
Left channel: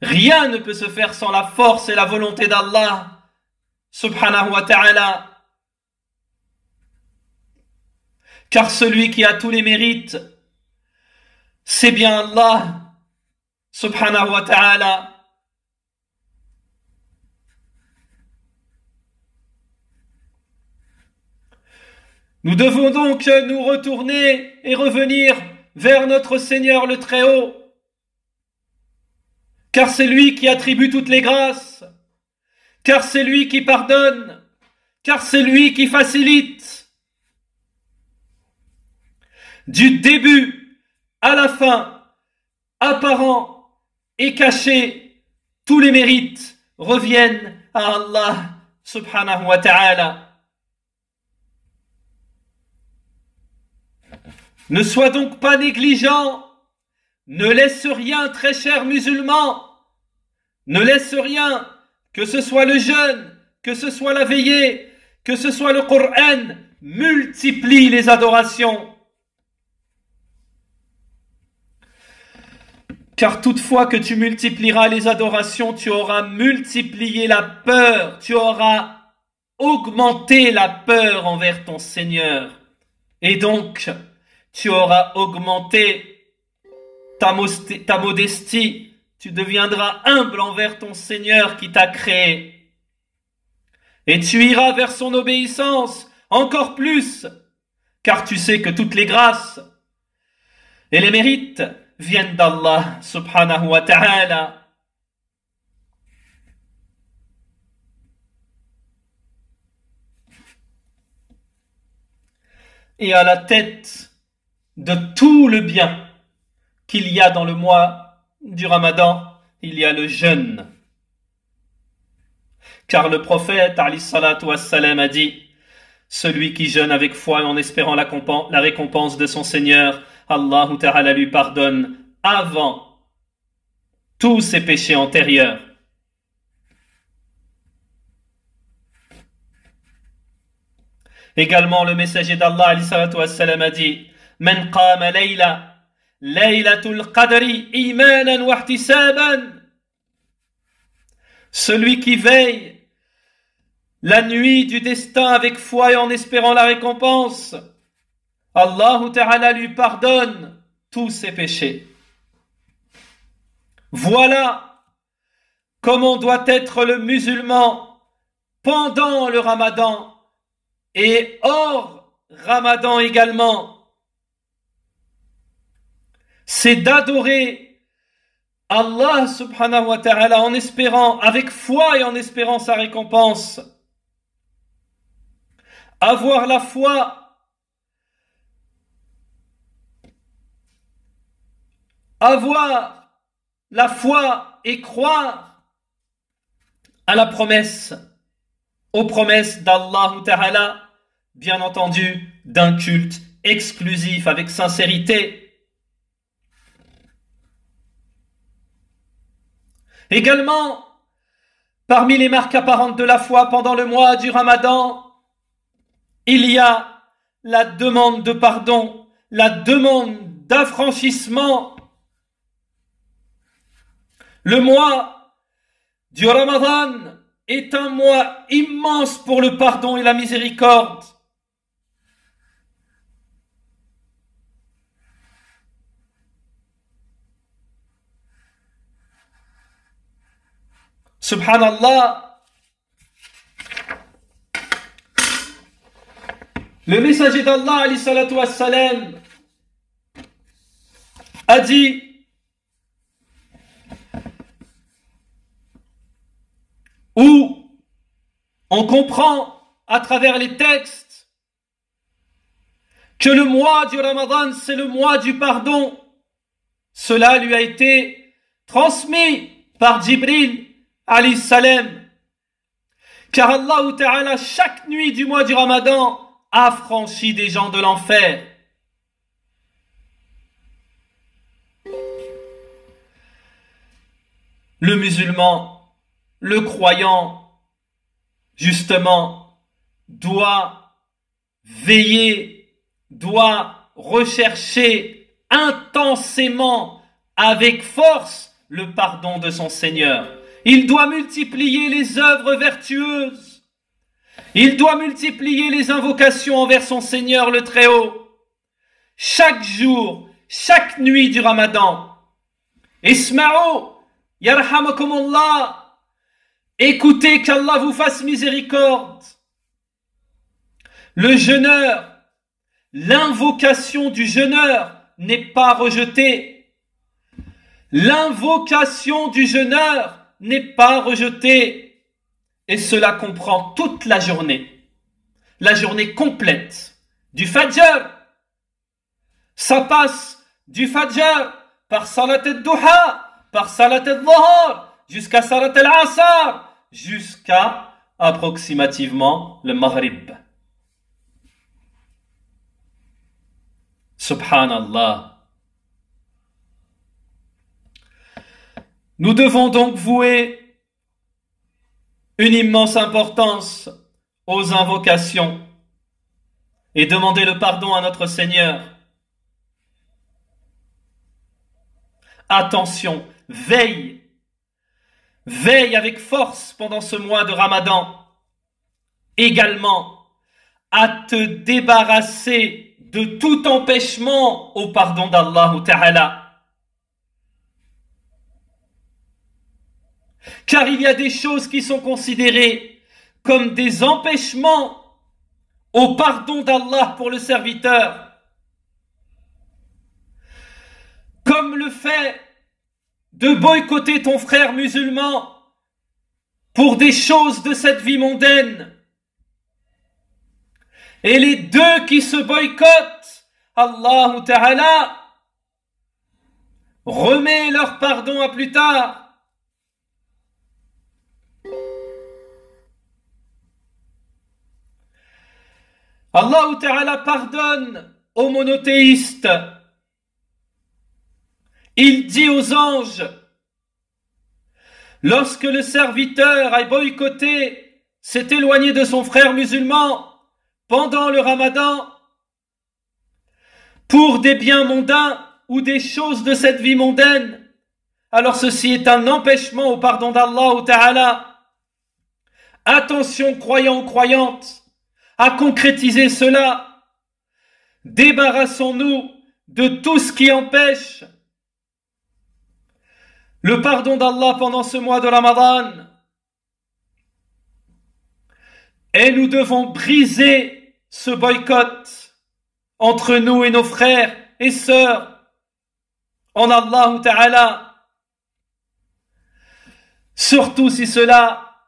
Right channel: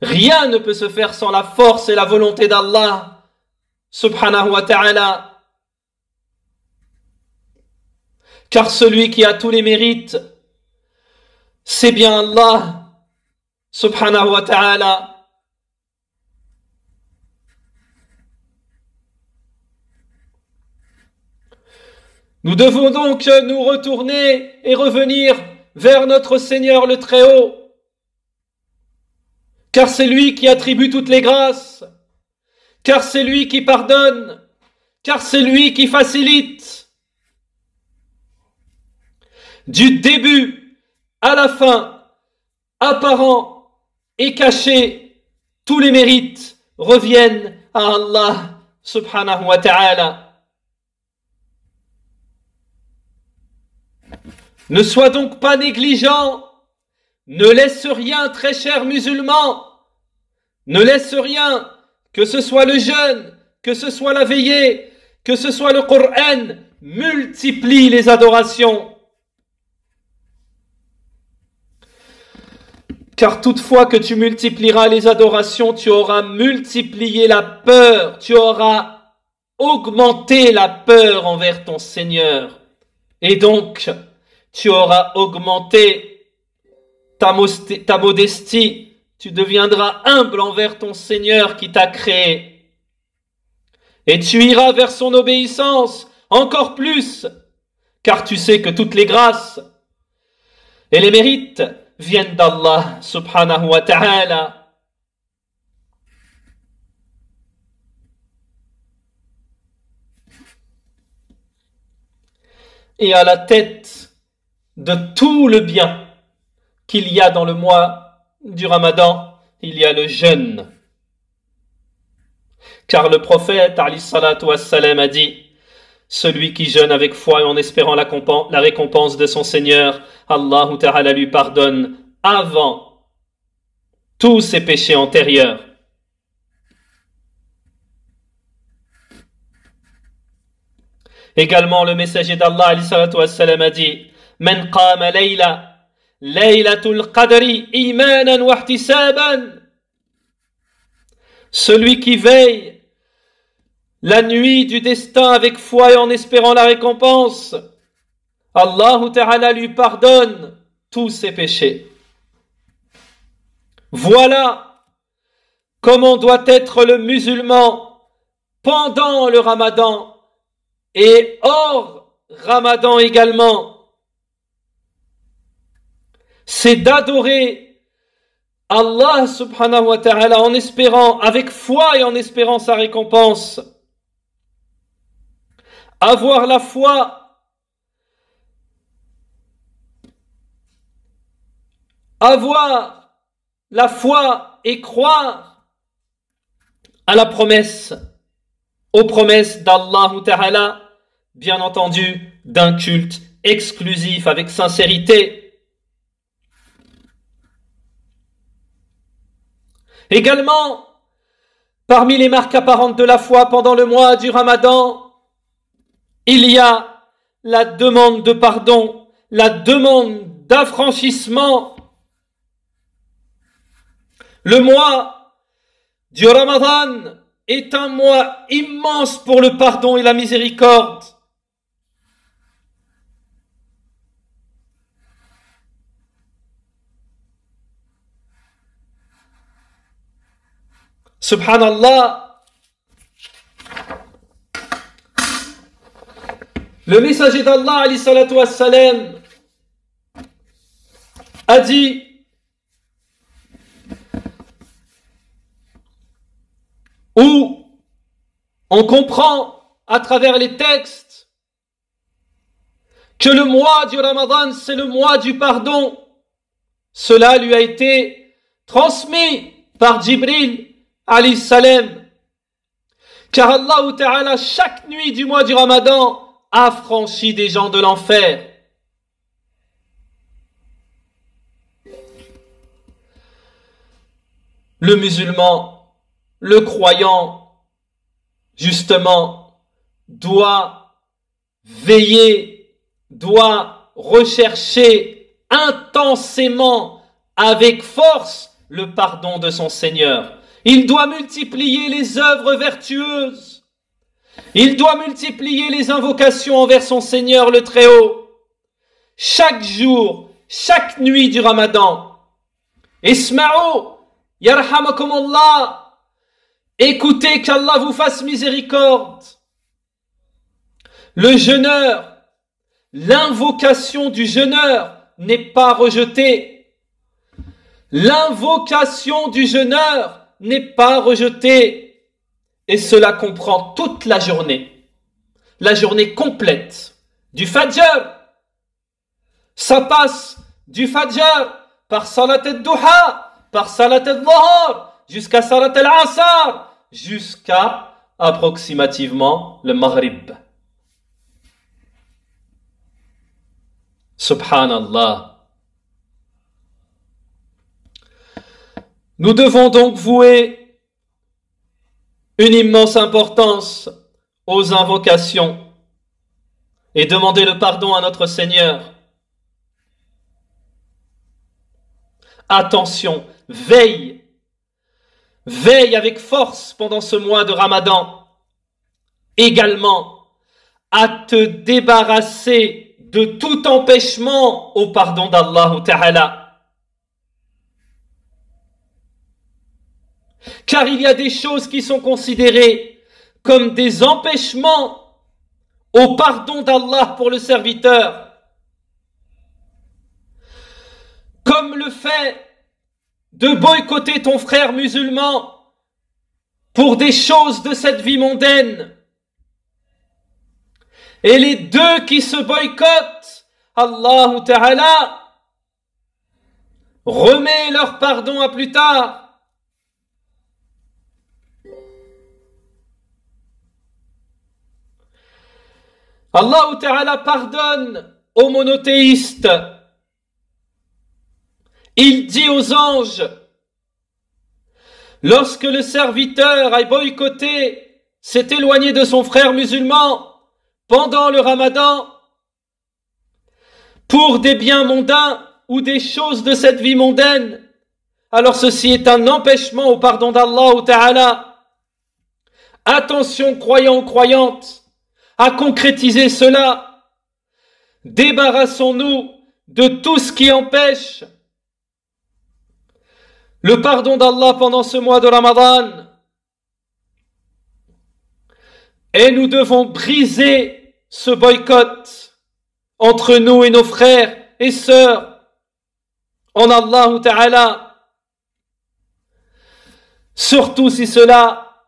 Rien ne peut se faire sans la force et la volonté d'Allah subhanahu wa ta'ala. Car celui qui a tous les mérites, c'est bien Allah subhanahu wa ta'ala. Nous devons donc nous retourner et revenir vers notre Seigneur le Très-Haut, car c'est lui qui attribue toutes les grâces, car c'est lui qui pardonne, car c'est lui qui facilite. Du début à la fin, apparent et caché, tous les mérites reviennent à Allah subhanahu wa ta'ala. Ne sois donc pas négligent, ne laisse rien, très cher musulman, ne laisse rien, que ce soit le jeûne, que ce soit la veillée, que ce soit le Coran, multiplie les adorations. Car toutefois que tu multiplieras les adorations, tu auras multiplié la peur, tu auras augmenté la peur envers ton Seigneur. Et donc, tu auras augmenté ta modestie, tu deviendras humble envers ton Seigneur qui t'a créé. Et tu iras vers son obéissance encore plus, car tu sais que toutes les grâces et les mérites viennent d'Allah subhanahu wa ta'ala. Et à la tête de tout le bien qu'il y a dans le mois du Ramadan, il y a le jeûne. Car le prophète alayhi salatu wassalam a dit: celui qui jeûne avec foi et en espérant la récompense de son Seigneur, Allah Ta'ala lui pardonne avant tous ses péchés antérieurs. Également, le messager d'Allah alayhi salatu wassalam a dit: Man qama layla, laylatul qadri, imanan wa ihtisaban. Celui qui veille la nuit du destin avec foi et en espérant la récompense, Allah Ta'ala lui pardonne tous ses péchés. Voilà comment doit être le musulman pendant le Ramadan et hors Ramadan également. C'est d'adorer Allah subhanahu wa ta'ala en espérant, avec foi et en espérant sa récompense. Avoir la foi, et croire à la promesse, aux promesses d'Allah Ta'ala, bien entendu, d'un culte exclusif avec sincérité. Également, parmi les marques apparentes de la foi pendant le mois du Ramadan, il y a la demande de pardon, la demande d'affranchissement. Le mois du Ramadan est un mois immense pour le pardon et la miséricorde. Subhanallah. Le messager d'Allah alayhi salatu wassalam a dit: où on comprend à travers les textes que le mois du Ramadan c'est le mois du pardon. Cela lui a été transmis par Jibril alayhi salam, car Allah Ta'ala chaque nuit du mois du Ramadan affranchit des gens de l'enfer. Le musulman, le croyant, justement, doit veiller, doit rechercher intensément, avec force, le pardon de son Seigneur. Il doit multiplier les œuvres vertueuses. Il doit multiplier les invocations envers son Seigneur le Très-Haut. Chaque jour, chaque nuit du Ramadan. Isma'u, yarhamakumullah. Écoutez, qu'Allah vous fasse miséricorde. Le jeûneur, l'invocation du jeûneur n'est pas rejetée. L'invocation du jeûneur n'est pas rejetée. Et cela comprend toute la journée complète, du Fajr. Ça passe du Fajr par Salat al-Duha, par Salat al-Dhuhr, jusqu'à Salat al-Asr, jusqu'à approximativement le Maghrib. Subhanallah. Nous devons donc vouer une immense importance aux invocations et demander le pardon à notre Seigneur. Attention, veille avec force pendant ce mois de Ramadan. Également, à te débarrasser de tout empêchement au pardon d'Allah Ta'ala. Car il y a des choses qui sont considérées comme des empêchements au pardon d'Allah pour le serviteur. Comme le fait de boycotter ton frère musulman pour des choses de cette vie mondaine. Et les deux qui se boycottent, Allah Ta'ala remets leur pardon à plus tard. Allah Ta'ala pardonne aux monothéistes. Il dit aux anges, lorsque le serviteur a boycotté, s'est éloigné de son frère musulman pendant le Ramadan, pour des biens mondains ou des choses de cette vie mondaine, alors ceci est un empêchement au pardon d'Allah Ta'ala. Attention, croyants, croyantes, à concrétiser cela. Débarrassons-nous de tout ce qui empêche le pardon d'Allah pendant ce mois de Ramadan. Et nous devons briser ce boycott entre nous et nos frères et sœurs en Allah Ta'ala. Surtout si cela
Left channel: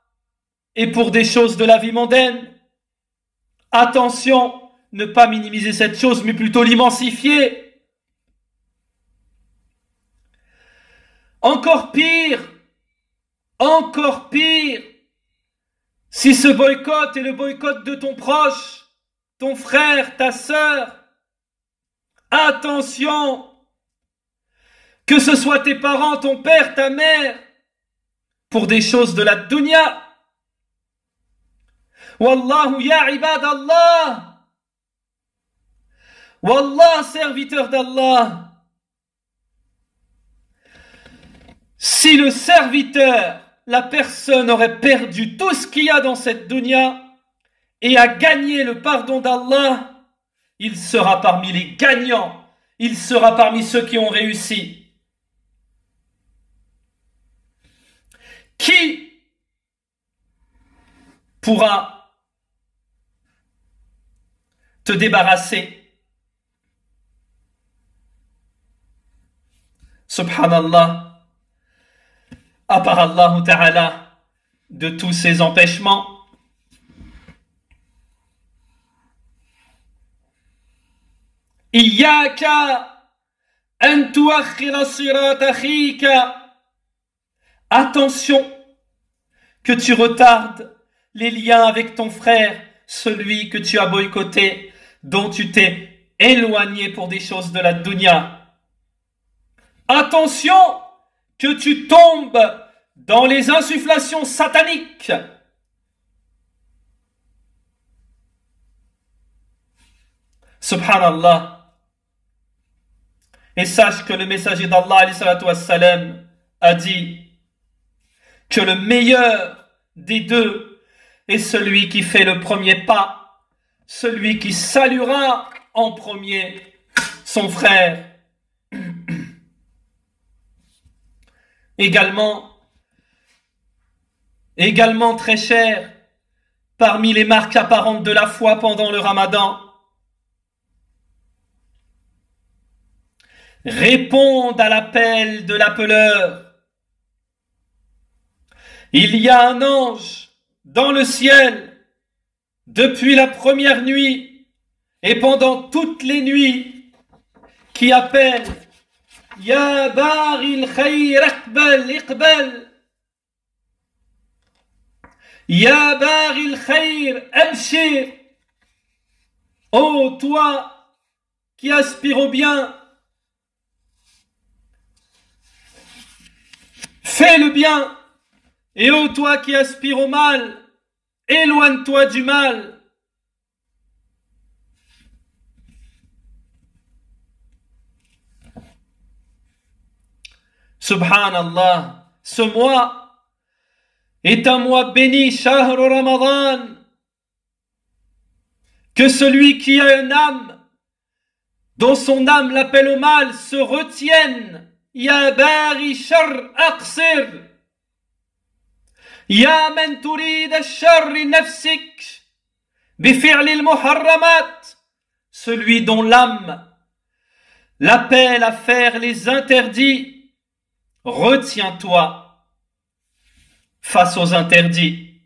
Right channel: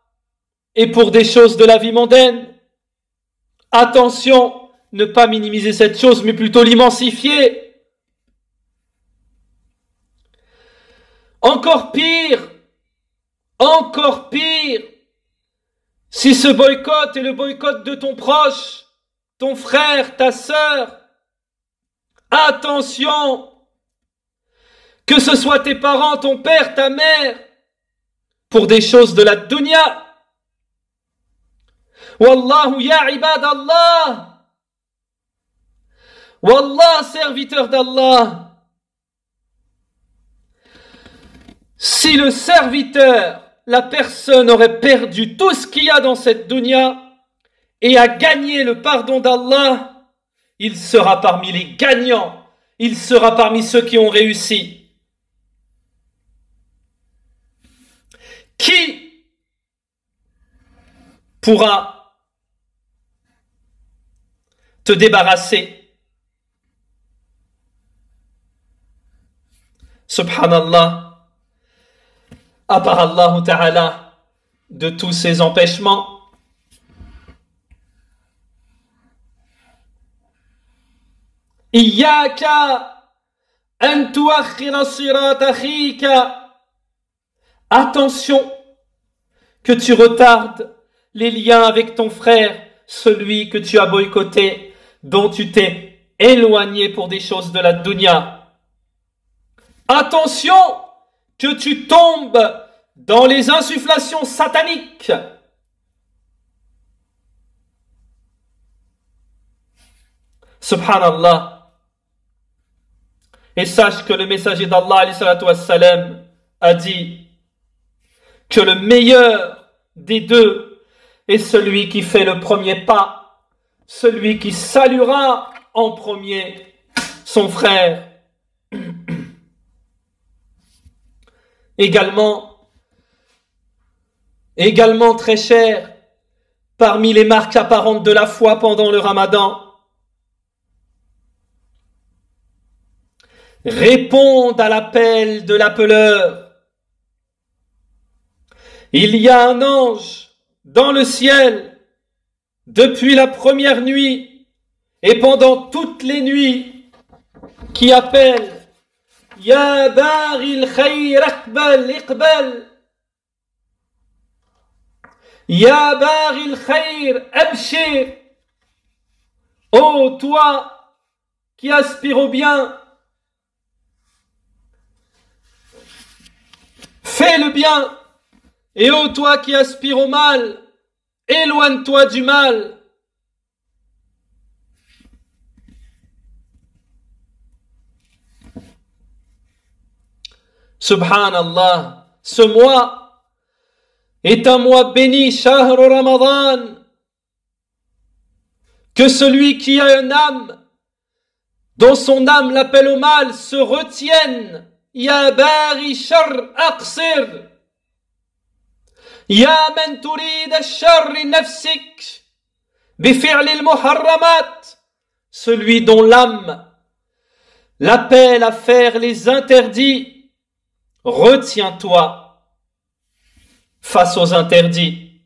est pour des choses de la vie mondaine. Attention, ne pas minimiser cette chose, mais plutôt l'immensifier. Encore pire, si ce boycott est le boycott de ton proche, ton frère, ta sœur, attention, que ce soit tes parents, ton père, ta mère, pour des choses de la dunya. Wallahu ya ibadallah. Wallah, serviteur d'Allah. Si le serviteur, la personne aurait perdu tout ce qu'il y a dans cette dunya et a gagné le pardon d'Allah, il sera parmi les gagnants. Il sera parmi ceux qui ont réussi. Qui pourra te débarrasser, subhanallah, à part Allah Ta'ala, de tous ces empêchements? Iyaka an tuakhira sirat akhika. Attention que tu retardes les liens avec ton frère, celui que tu as boycotté, dont tu t'es éloigné pour des choses de la dunya. Attention que tu tombes dans les insufflations sataniques. Subhanallah. Et sache que le messager d'Allah alayhi salatu wassalam a dit que le meilleur des deux est celui qui fait le premier pas, celui qui saluera en premier son frère. Également très cher, parmi les marques apparentes de la foi pendant le Ramadan, répondent à l'appel de l'appeleur. Il y a un ange dans le ciel depuis la première nuit et pendant toutes les nuits qui appelle Ya Baril Khayr Aqbal Iqbal, Ya Baril Khayr Abshir. Ô toi qui aspires au bien, fais le bien. Et ô toi qui aspires au mal, éloigne-toi du mal. Subhanallah, ce mois est un mois béni, Shahr Ramadan, que celui qui a une âme, dont son âme l'appelle au mal, se retienne. Ya bari shar aqsir. Ya man turid ash-sharr nafsik bifi'l al-muharramat. Celui dont l'âme l'appelle à faire les interdits, retiens-toi face aux interdits.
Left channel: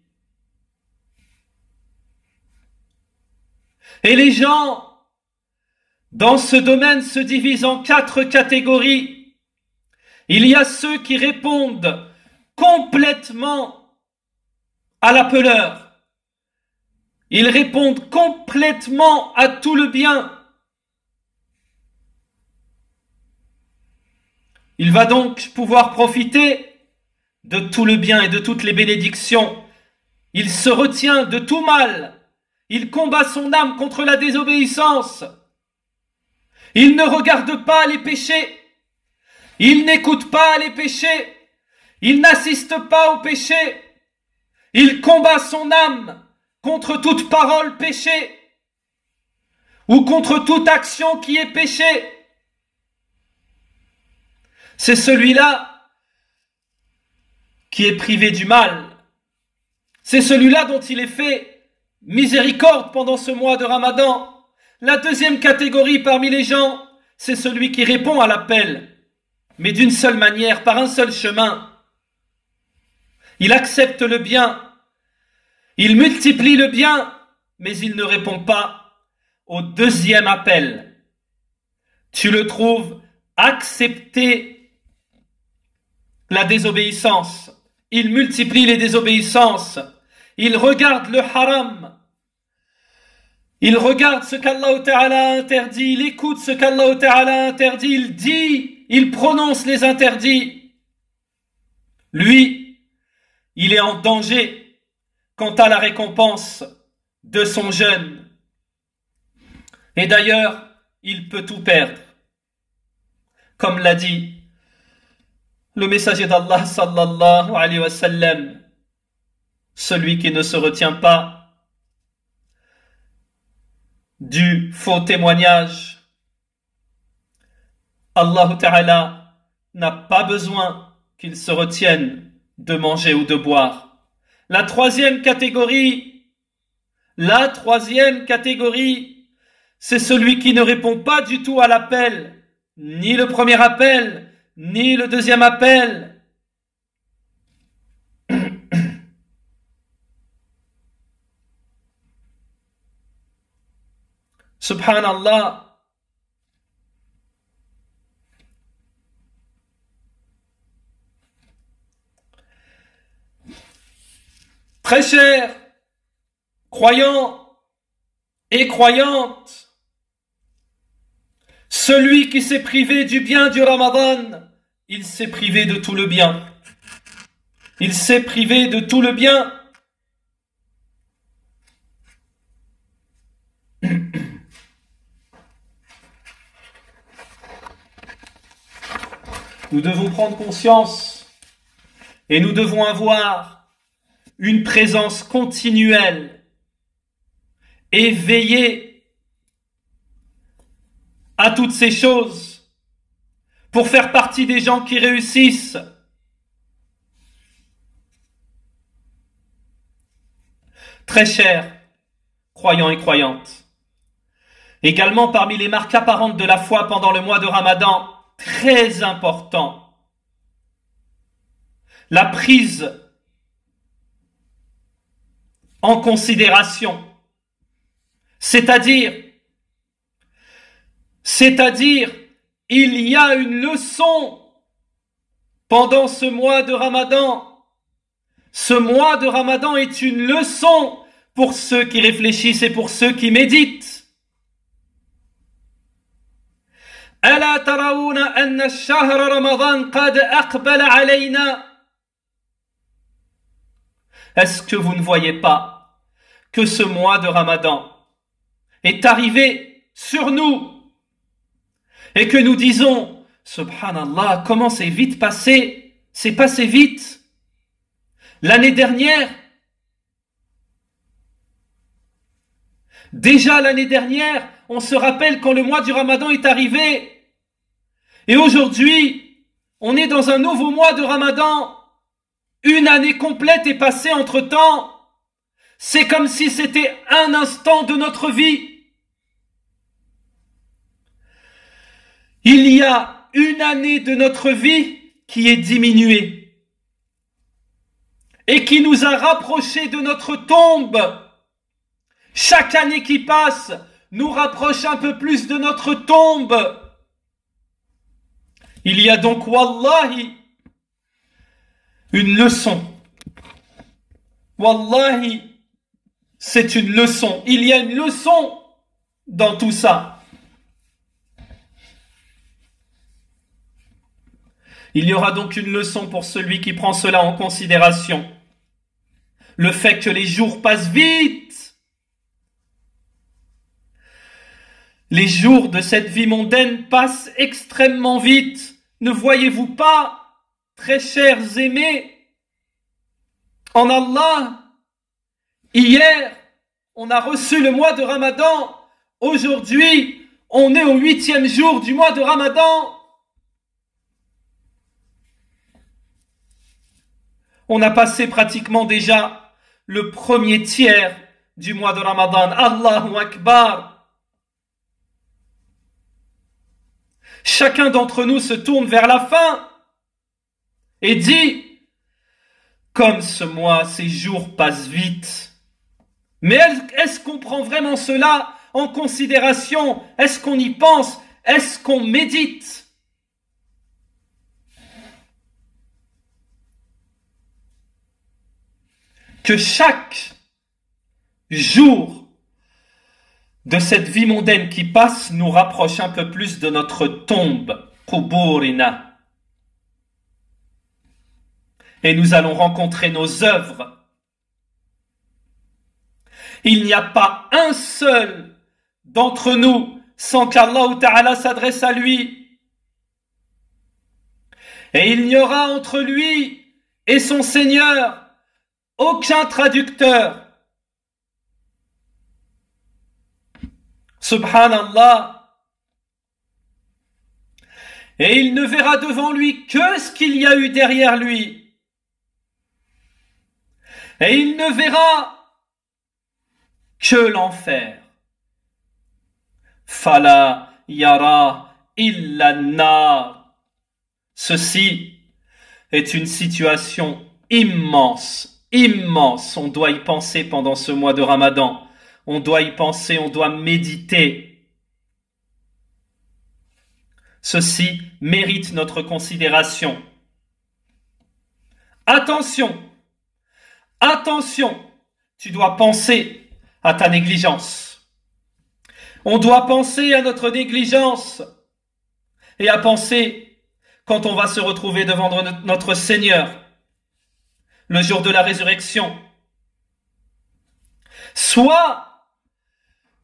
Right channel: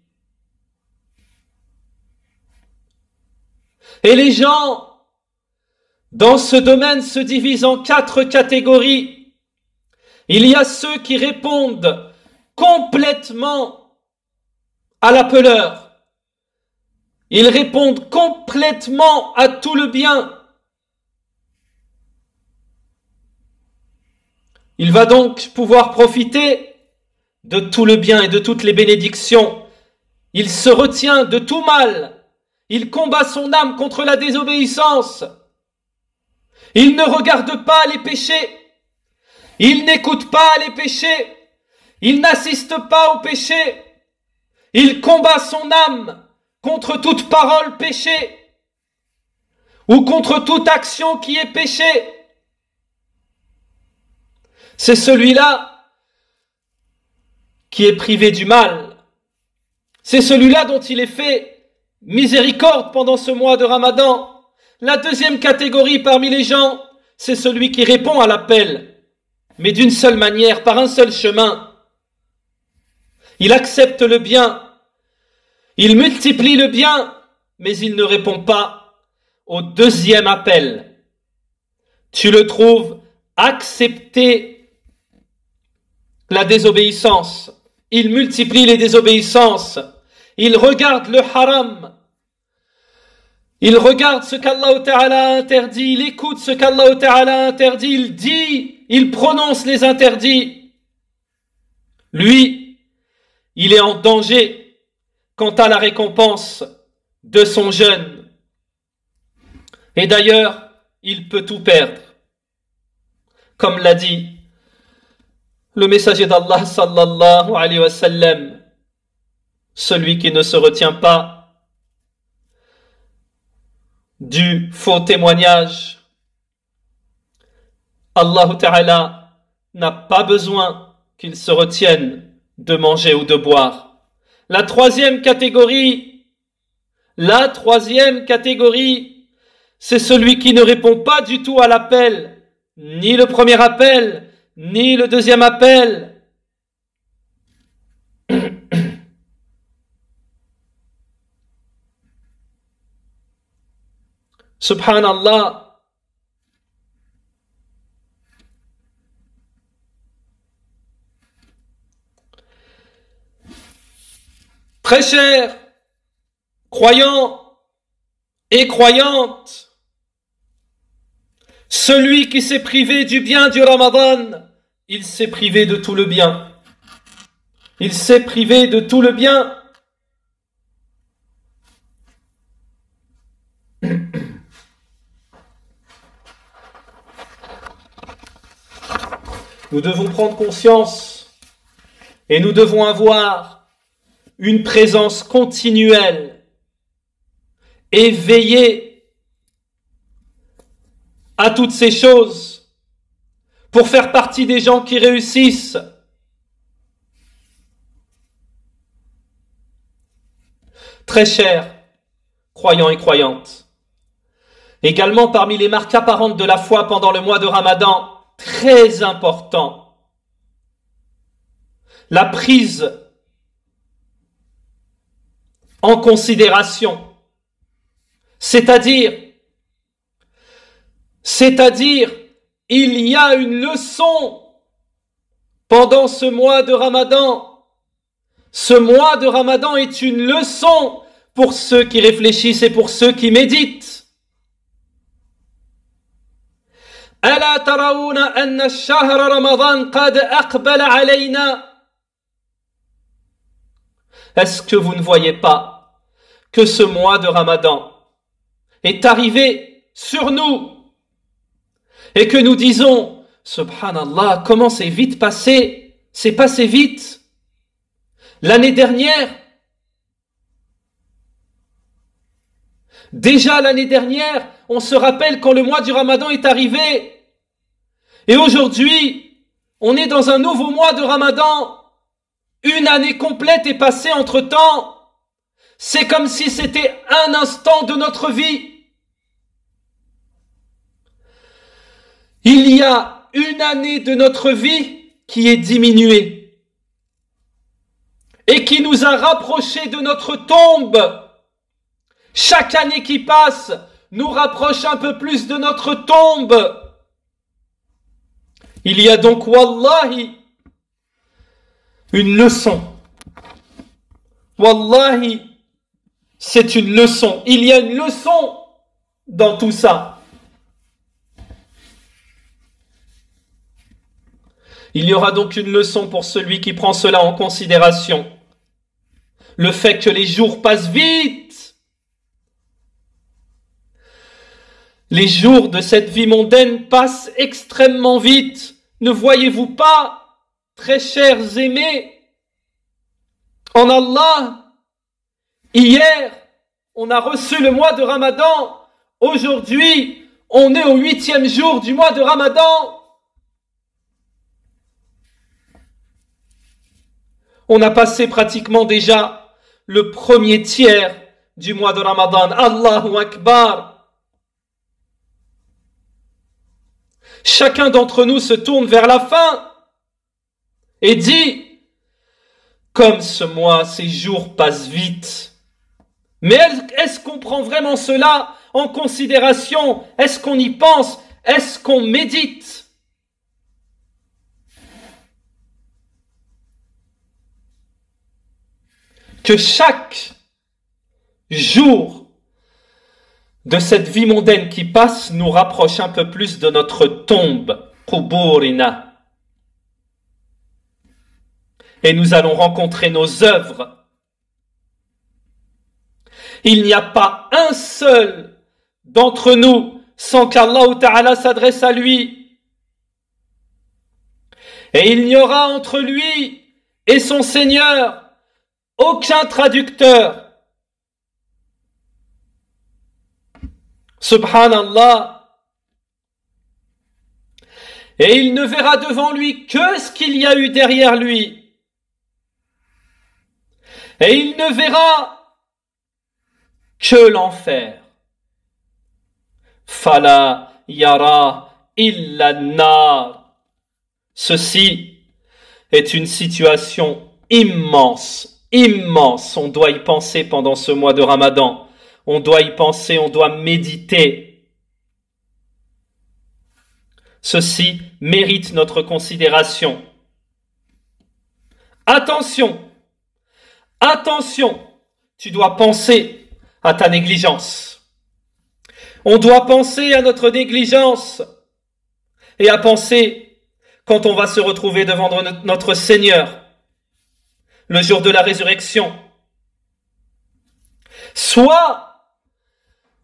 Et les gens dans ce domaine se divisent en 4 catégories. Il y a ceux qui répondent complètement à l'appeleur. Ils répondent complètement à tout le bien. Il va donc pouvoir profiter de tout le bien et de toutes les bénédictions. Il se retient de tout mal. Il combat son âme contre la désobéissance. Il ne regarde pas les péchés. Il n'écoute pas les péchés. Il n'assiste pas aux péchés. Il combat son âme contre toute parole péchée ou contre toute action qui est péché. C'est celui-là qui est privé du mal. C'est celui-là dont il est fait miséricorde pendant ce mois de Ramadan. La deuxième catégorie parmi les gens, c'est celui qui répond à l'appel, mais d'une seule manière, par un seul chemin. Il accepte le bien, il multiplie le bien, mais il ne répond pas au deuxième appel. Tu le trouves accepter la désobéissance. Il multiplie les désobéissances. Il regarde le haram. Il regarde ce qu'Allah Ta'ala a interdit. Il écoute ce qu'Allah Ta'ala a interdit. Il dit, il prononce les interdits. Lui, il est en danger quant à la récompense de son jeûne. Et d'ailleurs, il peut tout perdre. Comme l'a dit le messager d'Allah sallallahu alayhi wa sallam, celui qui ne se retient pas du faux témoignage, Allah Ta'ala n'a pas besoin qu'il se retienne de manger ou de boire. La troisième catégorie, c'est celui qui ne répond pas du tout à l'appel, ni le premier appel, ni le deuxième appel. Subhanallah. Très chers croyants et croyantes, celui qui s'est privé du bien du Ramadan, il s'est privé de tout le bien. Il s'est privé de tout le bien. Nous devons prendre conscience et nous devons avoir une présence continuelle, éveillée à toutes ces choses pour faire partie des gens qui réussissent. Très chers croyants et croyantes, également parmi les marques apparentes de la foi pendant le mois de Ramadan, très important, la prise en considération, c'est-à-dire il y a une leçon pendant ce mois de Ramadan. Ce mois de Ramadan est une leçon pour ceux qui réfléchissent et pour ceux qui méditent. ألا ترون أن الشهر رمضان قد أقبل علينا. Est-ce que vous ne voyez pas que ce mois de Ramadan est arrivé sur nous et que nous disons Subhanallah, comment c'est vite passé, c'est passé vite. L'année dernière, déjà l'année dernière, on se rappelle quand le mois du Ramadan est arrivé. Et aujourd'hui, on est dans un nouveau mois de Ramadan. Une année complète est passée entre-temps. C'est comme si c'était un instant de notre vie. Il y a une année de notre vie qui est diminuée et qui nous a rapprochés de notre tombe. Chaque année qui passe nous rapproche un peu plus de notre tombe. Il y a donc, wallahi, une leçon. Wallahi, c'est une leçon. Il y a une leçon dans tout ça. Il y aura donc une leçon pour celui qui prend cela en considération. Le fait que les jours passent vite. Les jours de cette vie mondaine passent extrêmement vite. Ne voyez-vous pas, très chers aimés, en Allah, hier, on a reçu le mois de Ramadan. Aujourd'hui, on est au 8e jour du mois de Ramadan. On a passé pratiquement déjà le premier tiers du mois de Ramadan. Allahu Akbar. Chacun d'entre nous se tourne vers la fin et dit: comme ce mois, ces jours passent vite. Mais est-ce qu'on prend vraiment cela en considération? Est-ce qu'on y pense? Est-ce qu'on médite? Que chaque jour de cette vie mondaine qui passe nous rapproche un peu plus de notre tombe, Quburina. Et nous allons rencontrer nos œuvres. Il n'y a pas un seul d'entre nous sans qu'Allah Ta'ala s'adresse à lui. Et il n'y aura entre lui et son Seigneur aucun traducteur. Subhanallah. Et il ne verra devant lui que ce qu'il y a eu derrière lui. Et il ne verra que l'enfer. Fala yara illa nar. Ceci est une situation immense, immense. On doit y penser pendant ce mois de Ramadan. On doit y penser, on doit méditer. Ceci mérite notre considération. Attention! Attention, tu dois penser à ta négligence. On doit penser à notre négligence et à penser quand on va se retrouver devant notre Seigneur le jour de la résurrection. Soit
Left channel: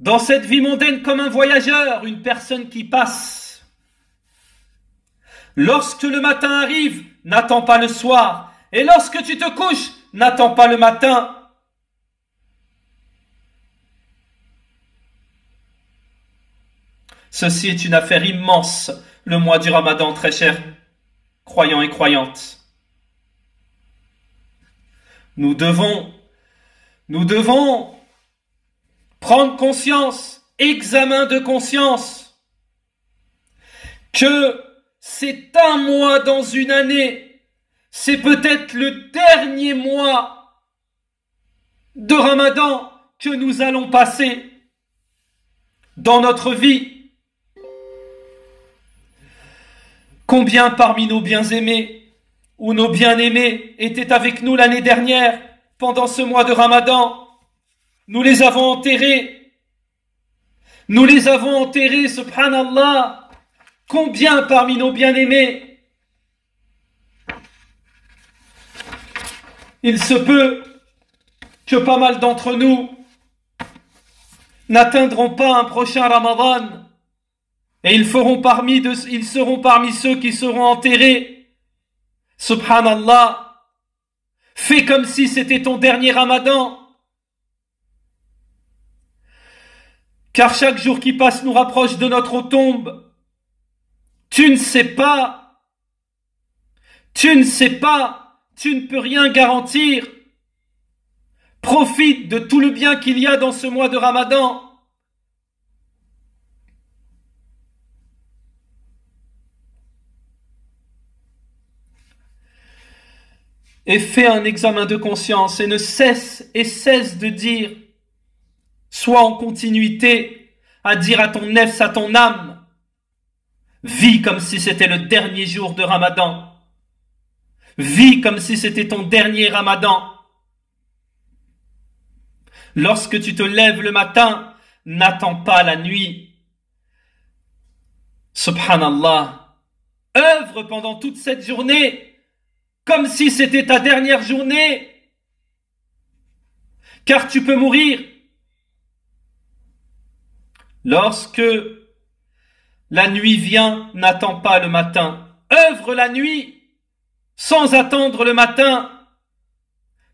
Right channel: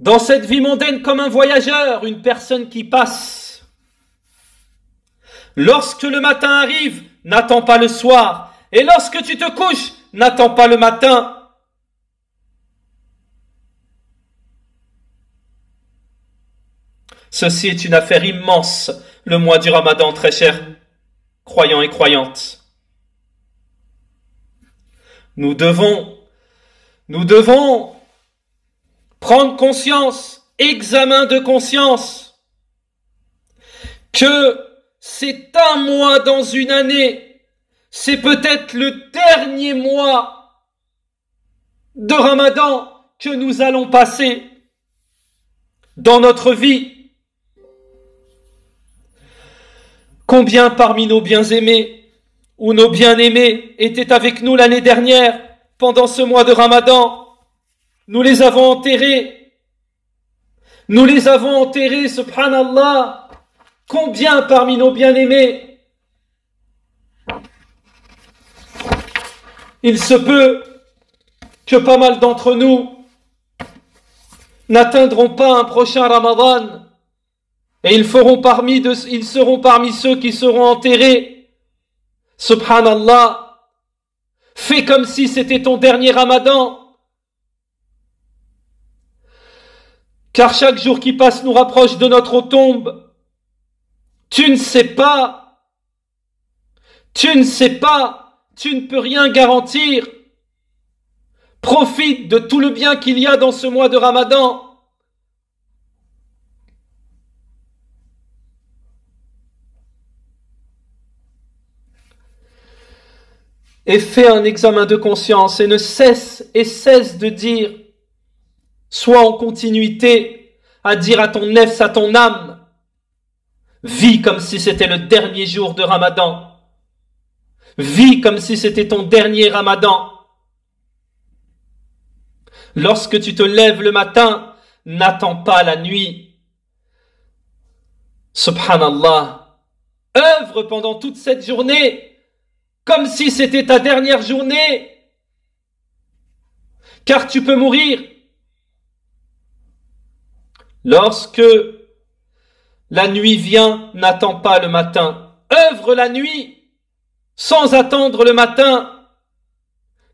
dans cette vie mondaine comme un voyageur, une personne qui passe. Lorsque le matin arrive, n'attends pas le soir. Et lorsque tu te couches, n'attends pas le matin. Ceci est une affaire immense, le mois du Ramadan, très chers croyants et croyantes. Nous devons prendre conscience, examen de conscience, que c'est un mois dans une année. C'est peut-être le dernier mois de Ramadan que nous allons passer dans notre vie. Combien parmi nos bien-aimés ou nos bien-aimés étaient avec nous l'année dernière pendant ce mois de Ramadan? Nous les avons enterrés. Nous les avons enterrés, subhanallah. Combien parmi nos bien-aimés? Il se peut que pas mal d'entre nous n'atteindront pas un prochain Ramadan et ils seront parmi ceux qui seront enterrés. Subhanallah, fais comme si c'était ton dernier Ramadan, car chaque jour qui passe nous rapproche de notre tombe. Tu ne sais pas, tu ne peux rien garantir. Profite de tout le bien qu'il y a dans ce mois de Ramadan. Et fais un examen de conscience et cesse de dire, sois en continuité à dire à ton nefs, à ton âme, Vis comme si c'était le dernier jour de Ramadan. Vis comme si c'était ton dernier Ramadan. Lorsque tu te lèves le matin, n'attends pas la nuit. Subhanallah. Œuvre pendant toute cette journée comme si c'était ta dernière journée. Car tu peux mourir. Lorsque la nuit vient, n'attends pas le matin. Œuvre la nuit sans attendre le matin,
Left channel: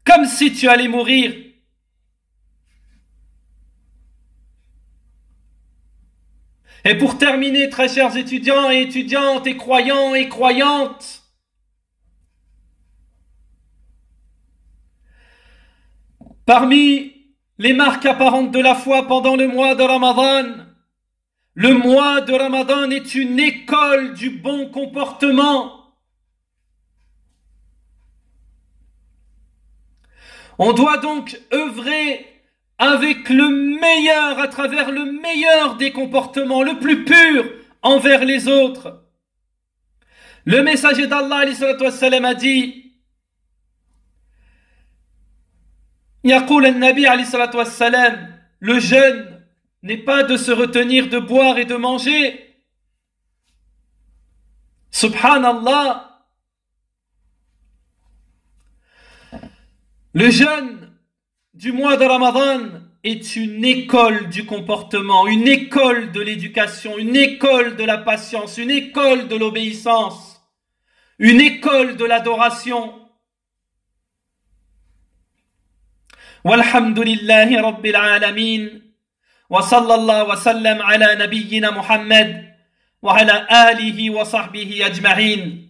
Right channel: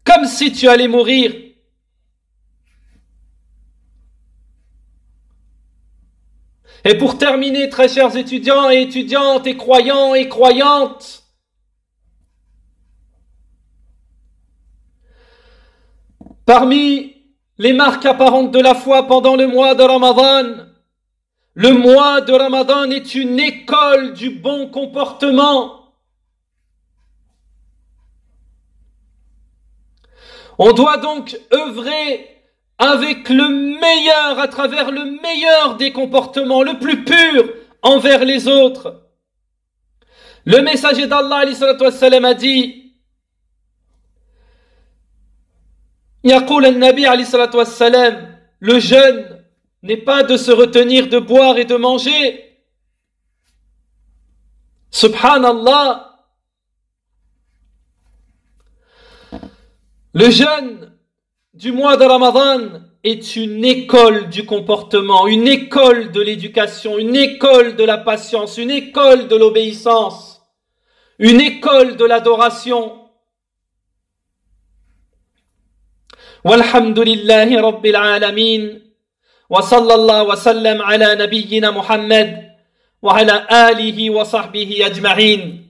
comme si tu allais mourir. Et pour terminer, très chers étudiants et étudiantes et croyants et croyantes, parmi les marques apparentes de la foi pendant le mois de Ramadan, le mois de Ramadan est une école du bon comportement. On doit donc œuvrer avec le meilleur, à travers le meilleur des comportements, le plus pur envers les autres. Le messager d'Allah a dit, Yaqul al-Nabi le jeûne n'est pas de se retenir de boire et de manger. Subhanallah. Le jeûne du mois de Ramadan est une école du comportement, une école de l'éducation, une école de la patience, une école de l'obéissance, une école de l'adoration. Walhamdulillahi Rabbil Alamin. Wa sallallahu wa sallam ala nabiyyina Muhammad wa ala alihi wa sahbihi ajma'in.